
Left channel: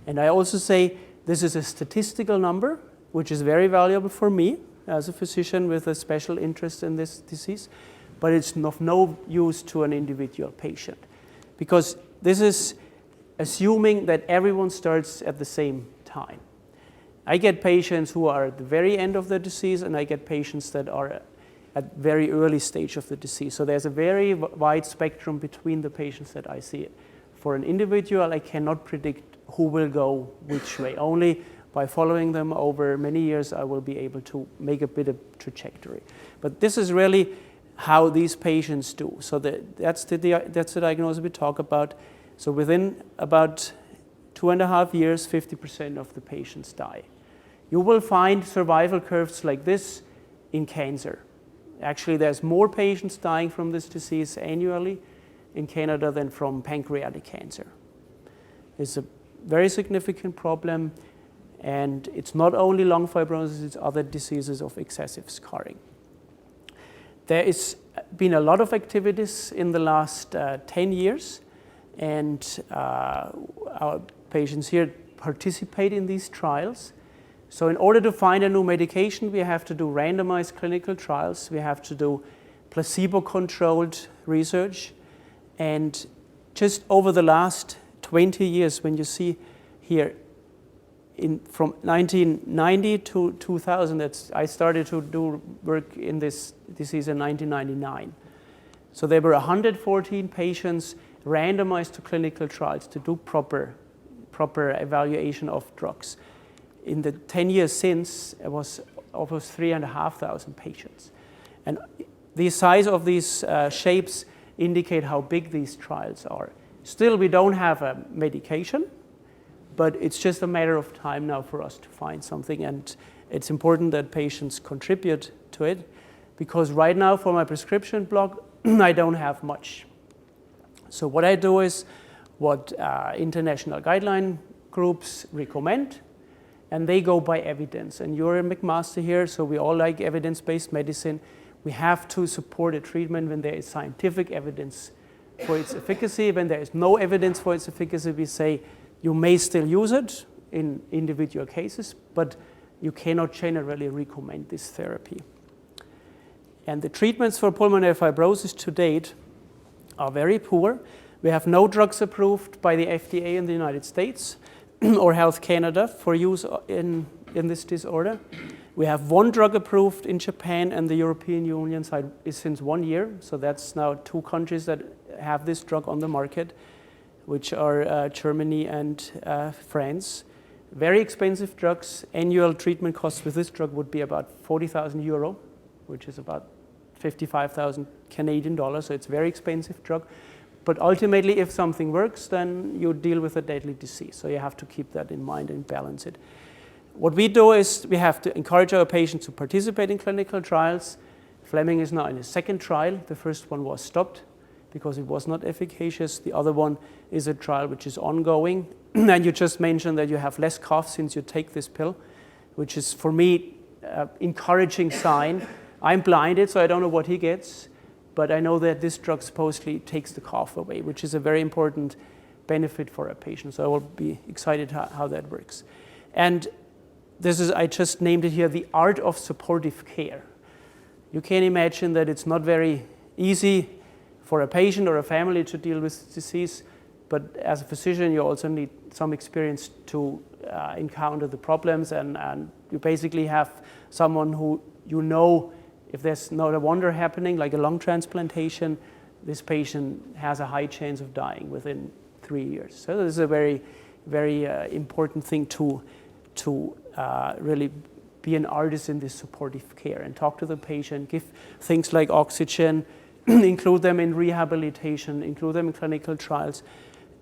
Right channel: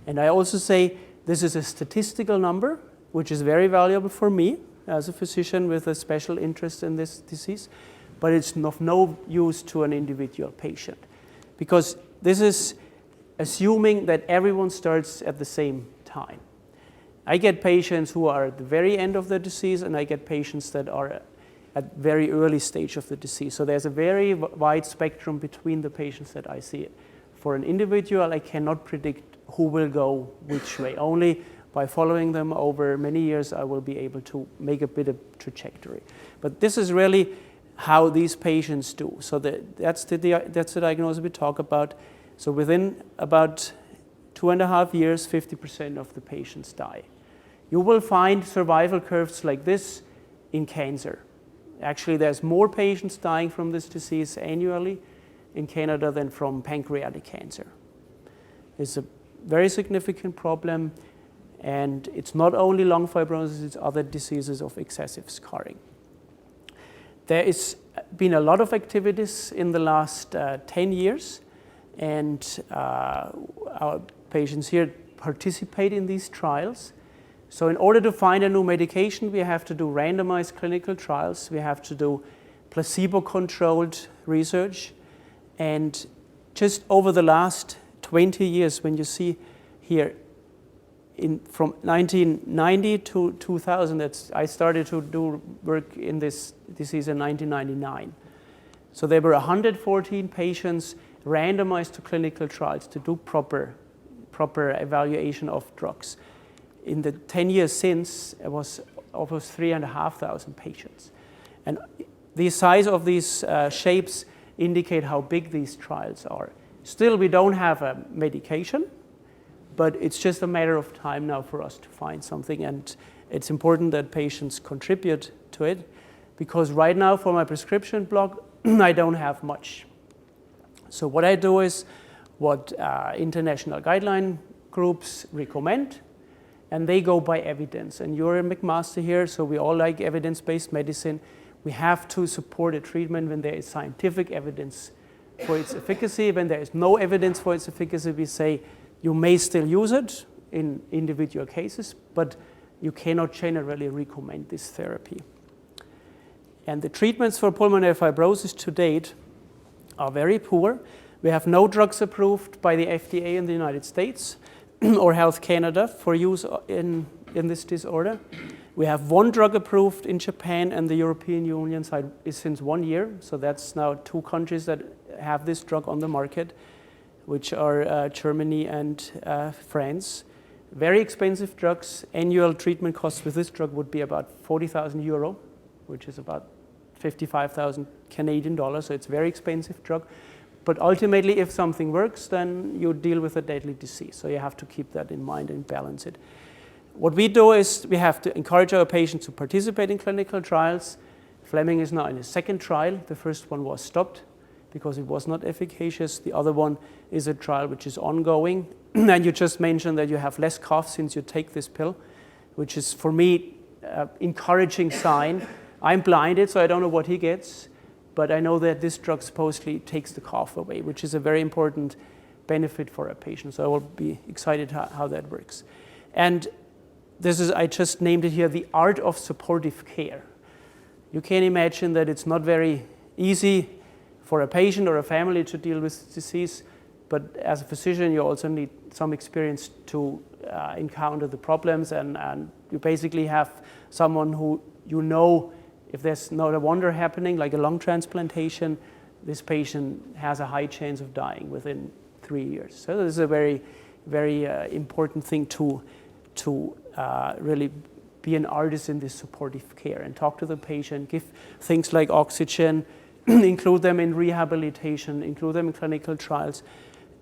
And I also say, this is a statistical number, which is very valuable for me as a physician with a special interest in this disease, but it's of no use to an individual patient, because this is assuming that everyone starts at the same time. I get patients who are at the very end of the disease, and I get patients that are at very early stage of the disease. So there's a very wide spectrum between the patients that I see For an individual, I cannot predict who will go which way. Only by following them over many years, I will be able to make a bit of trajectory. But this is really how these patients do. So that's the diagnosis we talk about. So within about 2.5 years, 50% of the patients die. You will find survival curves like this in cancer. Actually, there's more patients dying from this disease annually in Canada than from pancreatic cancer. It's a very significant problem, and it's not only lung fibrosis, it's other diseases of excessive scarring. There has been a lot of activities in the last 10 years, and our patients here participate in these trials. So in order to find a new medication, we have to do randomized clinical trials, we have to do placebo-controlled research, and just over the last 20 years, when you see here, from 1990 to 2000, I started to do work in this disease in 1999. So there were 114 patients randomized to clinical trials to do proper evaluation of drugs. In the 10 years since, it was almost 3,500 patients. And the size of these shapes indicate how big these trials are. Still, we don't have a medication, but it's just a matter of time now for us to find something, and it's important that patients contribute to it, because right now for my prescription block, I don't have much. So what I do is what international guideline groups recommend, and they go by evidence. And you're a McMaster here, so we all like evidence-based medicine. We have to support a treatment when there is scientific evidence for its efficacy. When there is no evidence for its efficacy, we say you may still use it in individual cases, but you cannot generally recommend this therapy. And the treatments for pulmonary fibrosis to date are very poor. We have no drugs approved by the FDA in the United States or Health Canada for use in this disorder. We have one drug approved in Japan, and the European Union side is since 1 year. So that's now 2 countries that have this drug on the market, which are Germany and France. Very expensive drugs. Annual treatment costs with this drug would be about 40,000 euro, which is about 55,000 Canadian dollars. So it's a very expensive drug. But ultimately, if something works, then you deal with a deadly disease. So you have to keep that in mind and balance it. What we do is we have to encourage our patients to participate in clinical trials. Fleming is now in his 2nd trial. The first one was stopped because it was not efficacious. The other one is a trial which is ongoing. And you just mentioned that you have less cough since you take this pill, which is, for me, an encouraging sign. I'm blinded, so I don't know what he gets, but I know that this drug supposedly takes the cough away, which is a very important benefit for a patient. So I will be excited how that works. And this is, I just named it here, the art of supportive care. You can imagine that it's not very easy for a patient or a family to deal with this disease, but as a physician, you also need some experience to encounter the problems, and you basically have someone who you know, if there's not a wonder happening, like a lung transplantation, this patient has a high chance of dying within 3 years. So this is a very, very important thing to really be an artist in this supportive care and talk to the patient, give things like oxygen, include them in rehabilitation, include them in clinical trials,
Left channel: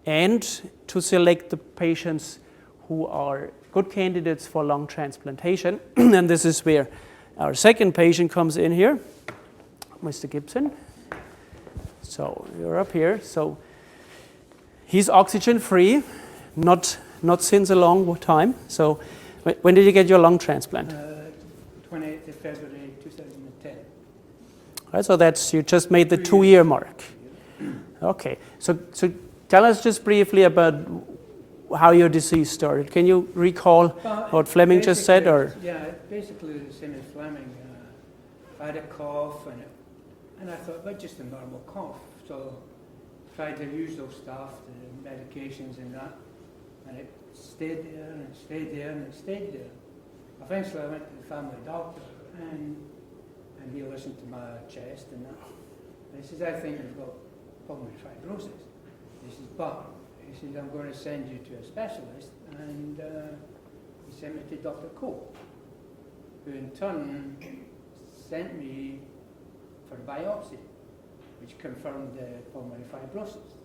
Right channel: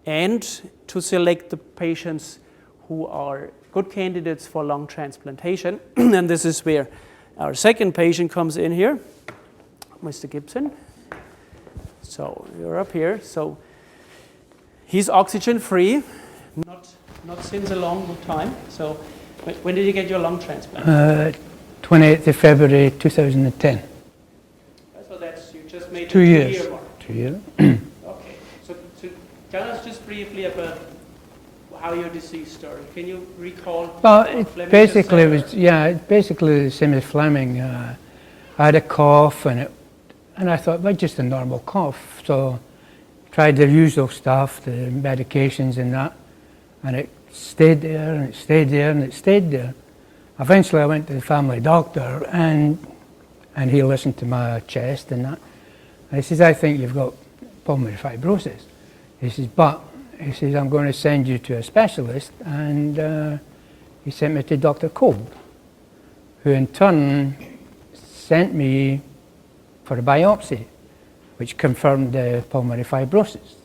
and to select the patients who are good candidates for lung transplantation. And this is where our 2nd patient comes in here, Mr. Gibson. So you're up here. So he's oxygen free, not since a long time. So when did you get your lung transplant? 28th of February 2010. Right, so that's, you just made the 2-year mark. 2 years. Okay, so tell us just briefly about how your disease started. Can you recall what Fleming just said? Basically the same as Fleming. I had a cough, and I thought, well, just a normal cough. So tried the usual stuff, the medications and that, and it stayed there, and it stayed there, and it stayed there. Eventually I went to the family doctor, and he listened to my chest and that. And he says, I think you've got pulmonary fibrosis. He says, but he says, I'm going to send you to a specialist, and he sent me to Dr. Kolb, who in turn sent me for a biopsy, which confirmed the pulmonary fibrosis.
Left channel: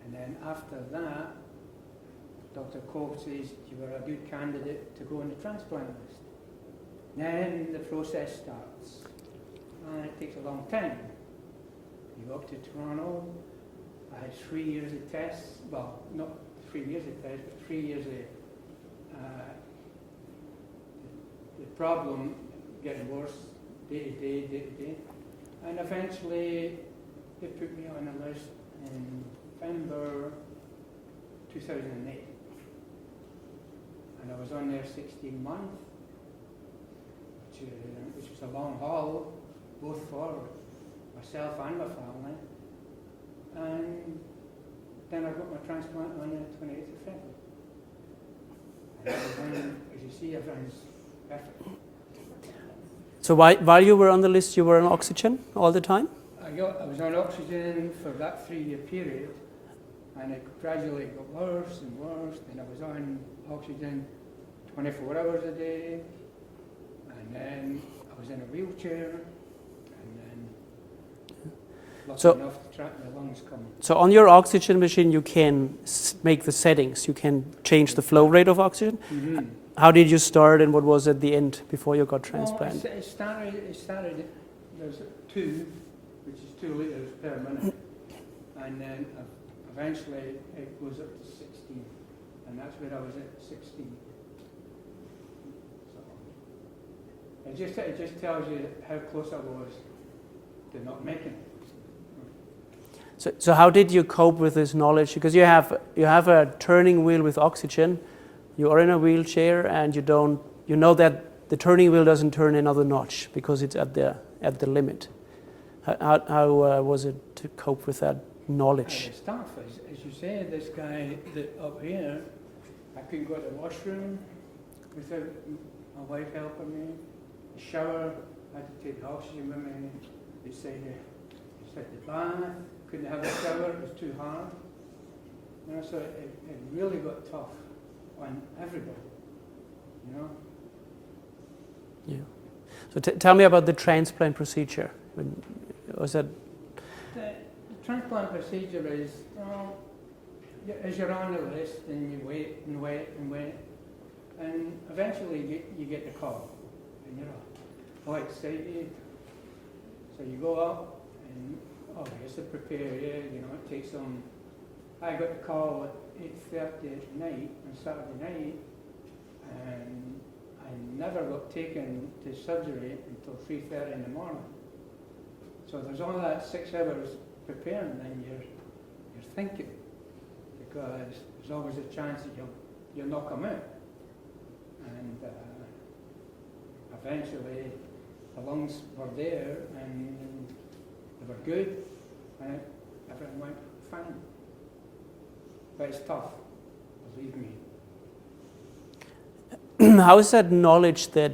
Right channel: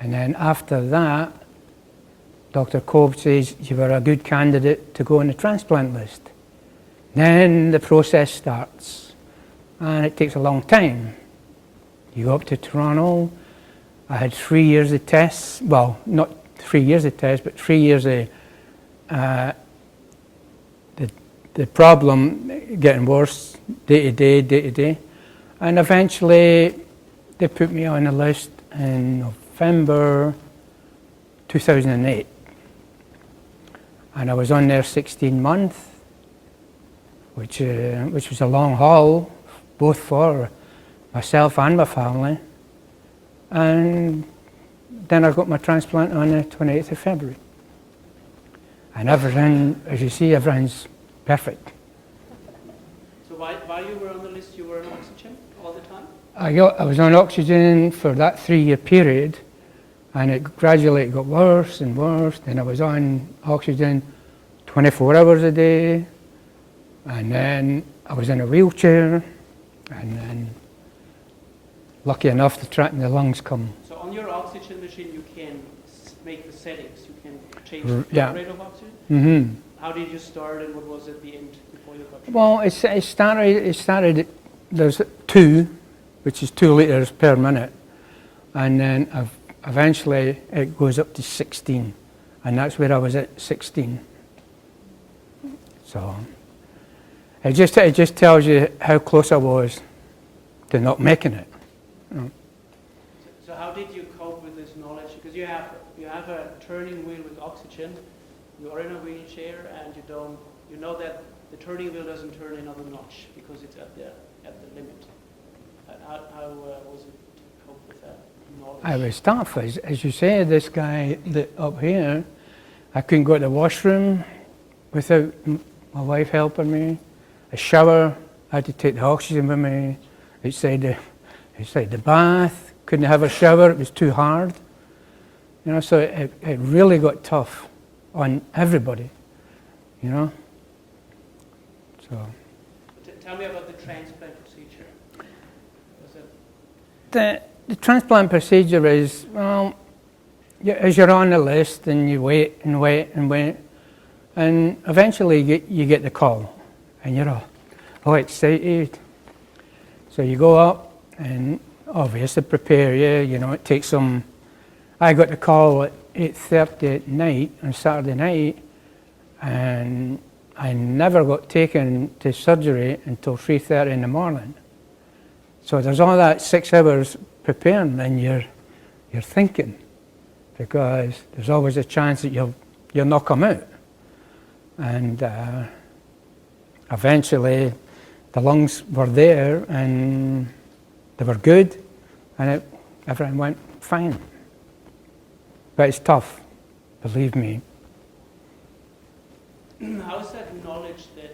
And then after that, Dr. Kolb says, you were a good candidate to go on the transplant list. Then the process starts, and it takes a long time. You go up to Toronto. I had 3 years of tests, well, not 3 years of tests, but 3 years of the problem getting worse, day to day. And eventually, they put me on a list in November 2008. And I was on there 16 months, which was a long haul, both for myself and my family. And then I got my transplant on the 28th of February. And everything, as you see, everything's perfect. So while you were on the list, you were on oxygen all the time? I was on oxygen for that 3-year period, and it gradually got worse and worse. Then I was on oxygen 24 hours a day, and then I was in a wheelchair, and then lucky enough the lungs come. So on your oxygen machine, you can make the settings. You can change the flow rate of oxygen. Mm-hmm. How did you start, and what was at the end before you got transplanted? Well, it started. There's 2, which is 2 liters per minute, and then eventually it goes up to 16, and that's where I was at 16. So it just tells you how close I was to not making it. So how did you cope with this knowledge? Because you have a turning wheel with oxygen, you are in a wheelchair, and you know that the turning wheel doesn't turn another notch because it's at the limit. How was it to cope with that knowledge? It was tough, as you say. This guy up here, I couldn't go to the washroom without my wife helping me. A shower, I had to take the oxygen with me. Outside the bath, couldn't have a shower, it was too hard. You know, so it really got tough on everybody, you know. So tell me about the transplant procedure. Was that the transplant procedure is, well, as you're on the list and you wait and wait and wait, and eventually you get the call, and you're all excited. So you go up and obviously prepare you know, it takes some. I got the call at 8:30 at night on Saturday night, and I never got taken to surgery until 3:30 in the morning. So there's all that 6 hours preparing, and you're thinking, because there's always a chance that you'll not come out. And eventually the lungs were there and they were good, and everything went fine. But it's tough, believe me. How is that knowledge that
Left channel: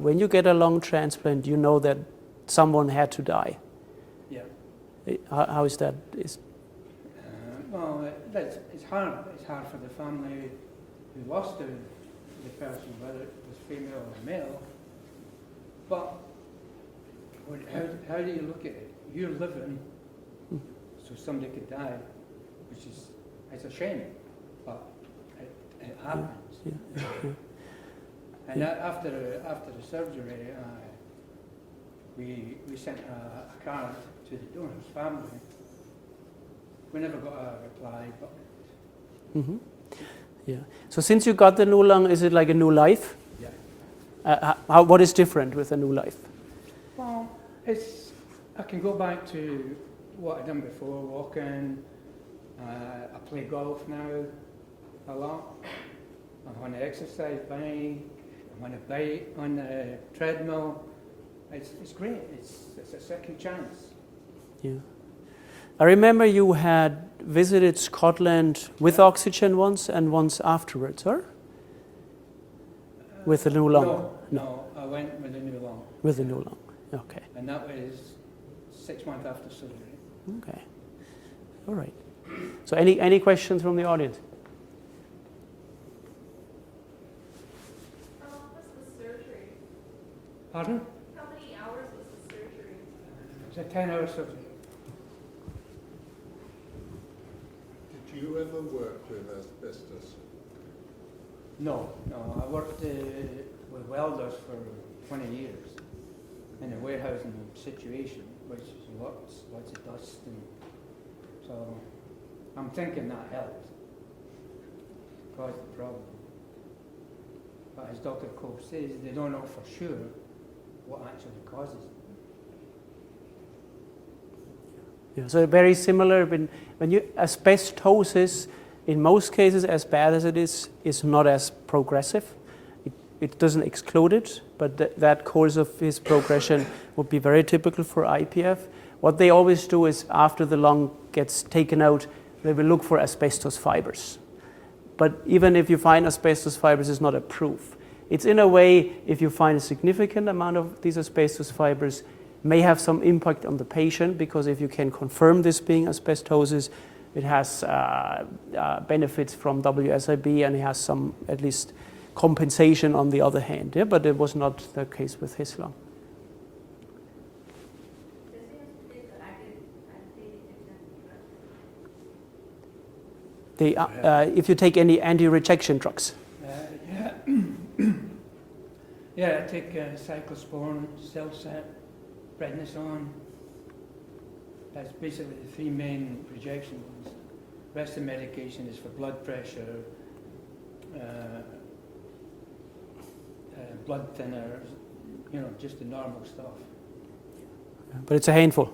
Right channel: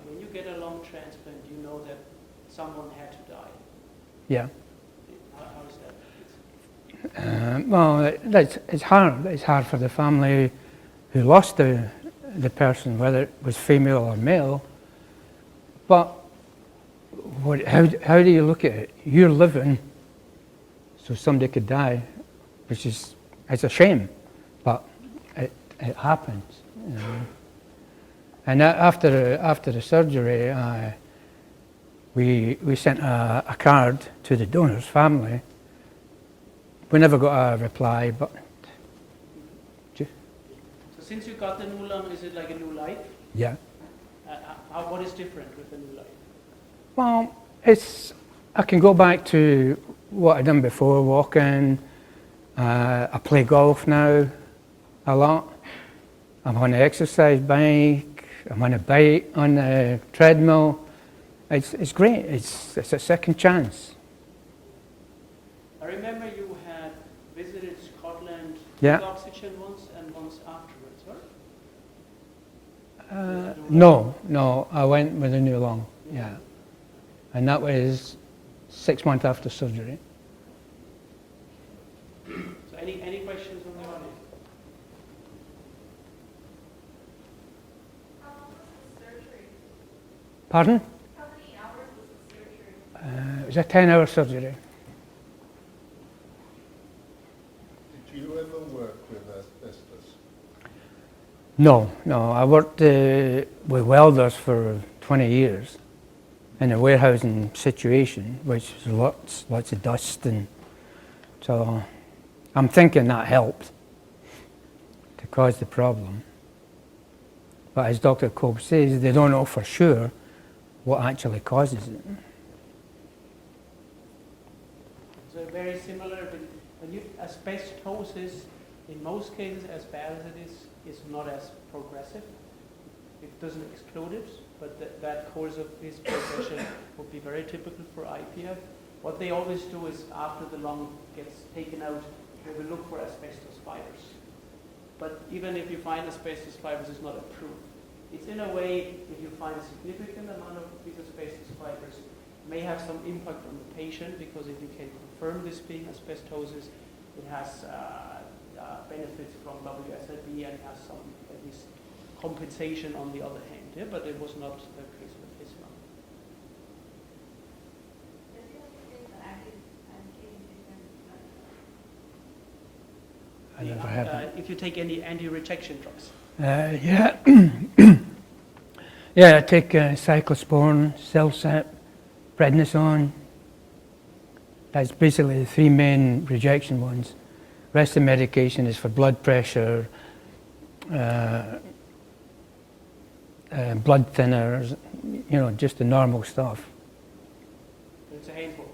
when you get a lung transplant, you know that someone had to die? Yeah. How is that? Well, it's hard. It's hard for the family who lost the person, whether it was female or male. But how do you look at it? You're living, so somebody could die, which is, it's a shame, but it happens. You know. And after the surgery, we sent a card to the donor's family. We never got a reply, but. Mm-hmm. Yeah. So since you got the new lung, is it like a new life? Yeah. What is different with a new life? Well, I can go back to what I'd done before, walking. I play golf now a lot. I'm on the exercise bike. I'm on a bike, on the treadmill. It's great. It's a second chance. Yeah. I remember you had visited Scotland with oxygen once and once afterwards, or? With the new lung? No, I went with a new lung. With the new lung, okay. And that was 6 months after surgery. Okay, all right. So any questions from the audience? How long was the surgery? Pardon? How many hours was the surgery? It was a 10-hour surgery. Did you ever work with asbestos? No. I worked with welders for 20 years in a warehousing situation, which was lots of dust, and so I'm thinking that helped to cause the problem. But as Dr. Kolb says, they don't know for sure what actually causes it. Yeah, so very similar. When you asbestosis, in most cases, as bad as it is not as progressive. It doesn't exclude it, but that course of his progression would be very typical for IPF. What they always do is after the lung gets taken out, they will look for asbestos fibers. But even if you find asbestos fibers, it's not a proof. It's in a way, if you find a significant amount of these asbestos fibers, may have some impact on the patient, because if you can confirm this being asbestosis, it has benefits from WSIB, and it has some, at least, compensation on the other hand. Yeah? But it was not the case with his lung. Does he have to take the anti-treatment? If you take any anti-rejection drugs. Yeah. Yeah, I take cyclosporin, Celsep, prednisone. That's basically the three main rejection ones. The rest of the medication is for blood pressure, blood thinners, just the normal stuff. But it's a handful.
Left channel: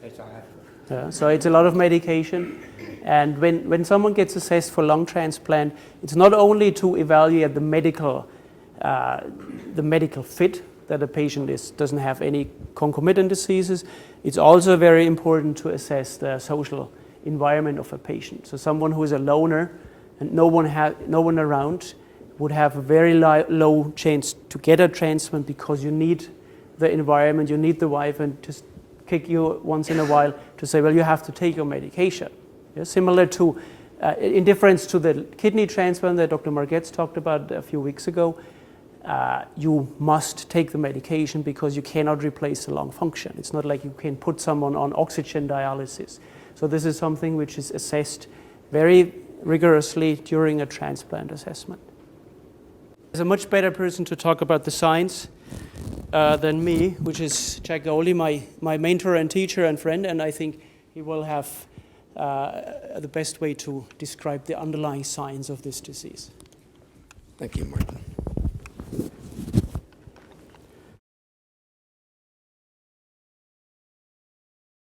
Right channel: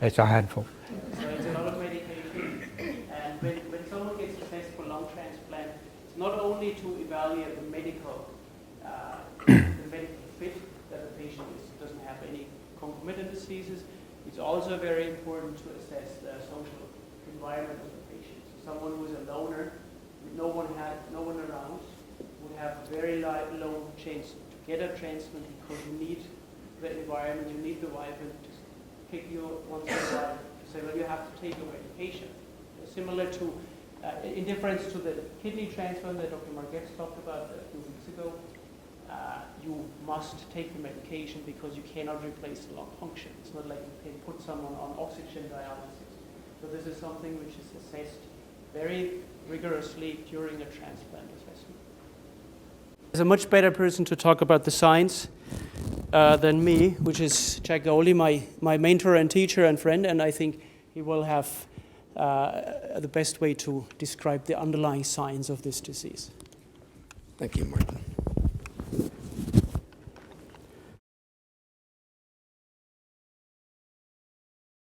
It's a handful. So it's a lot of medication. And when someone gets assessed for lung transplant, it's not only to evaluate the medical fit, that a patient doesn't have any concomitant diseases. It's also very important to assess the social environment of a patient. So someone who is a loner and no one around would have a very low chance to get a transplant, because you need the environment, you need the wife, and just kick you once in a while to say, well, you have to take your medication. Yeah? Similar to, in difference to the kidney transplant that Dr. Margetts talked about a few weeks ago, you must take the medication because you cannot replace the lung function. It's not like you can put someone on oxygen dialysis. So this is something which is assessed very rigorously during a transplant assessment. There's a much better person to talk about the science than me, which is Jack Gauldie, my mentor and teacher and friend, and I think he will have the best way to describe the underlying science of this disease. Thank you, Martin.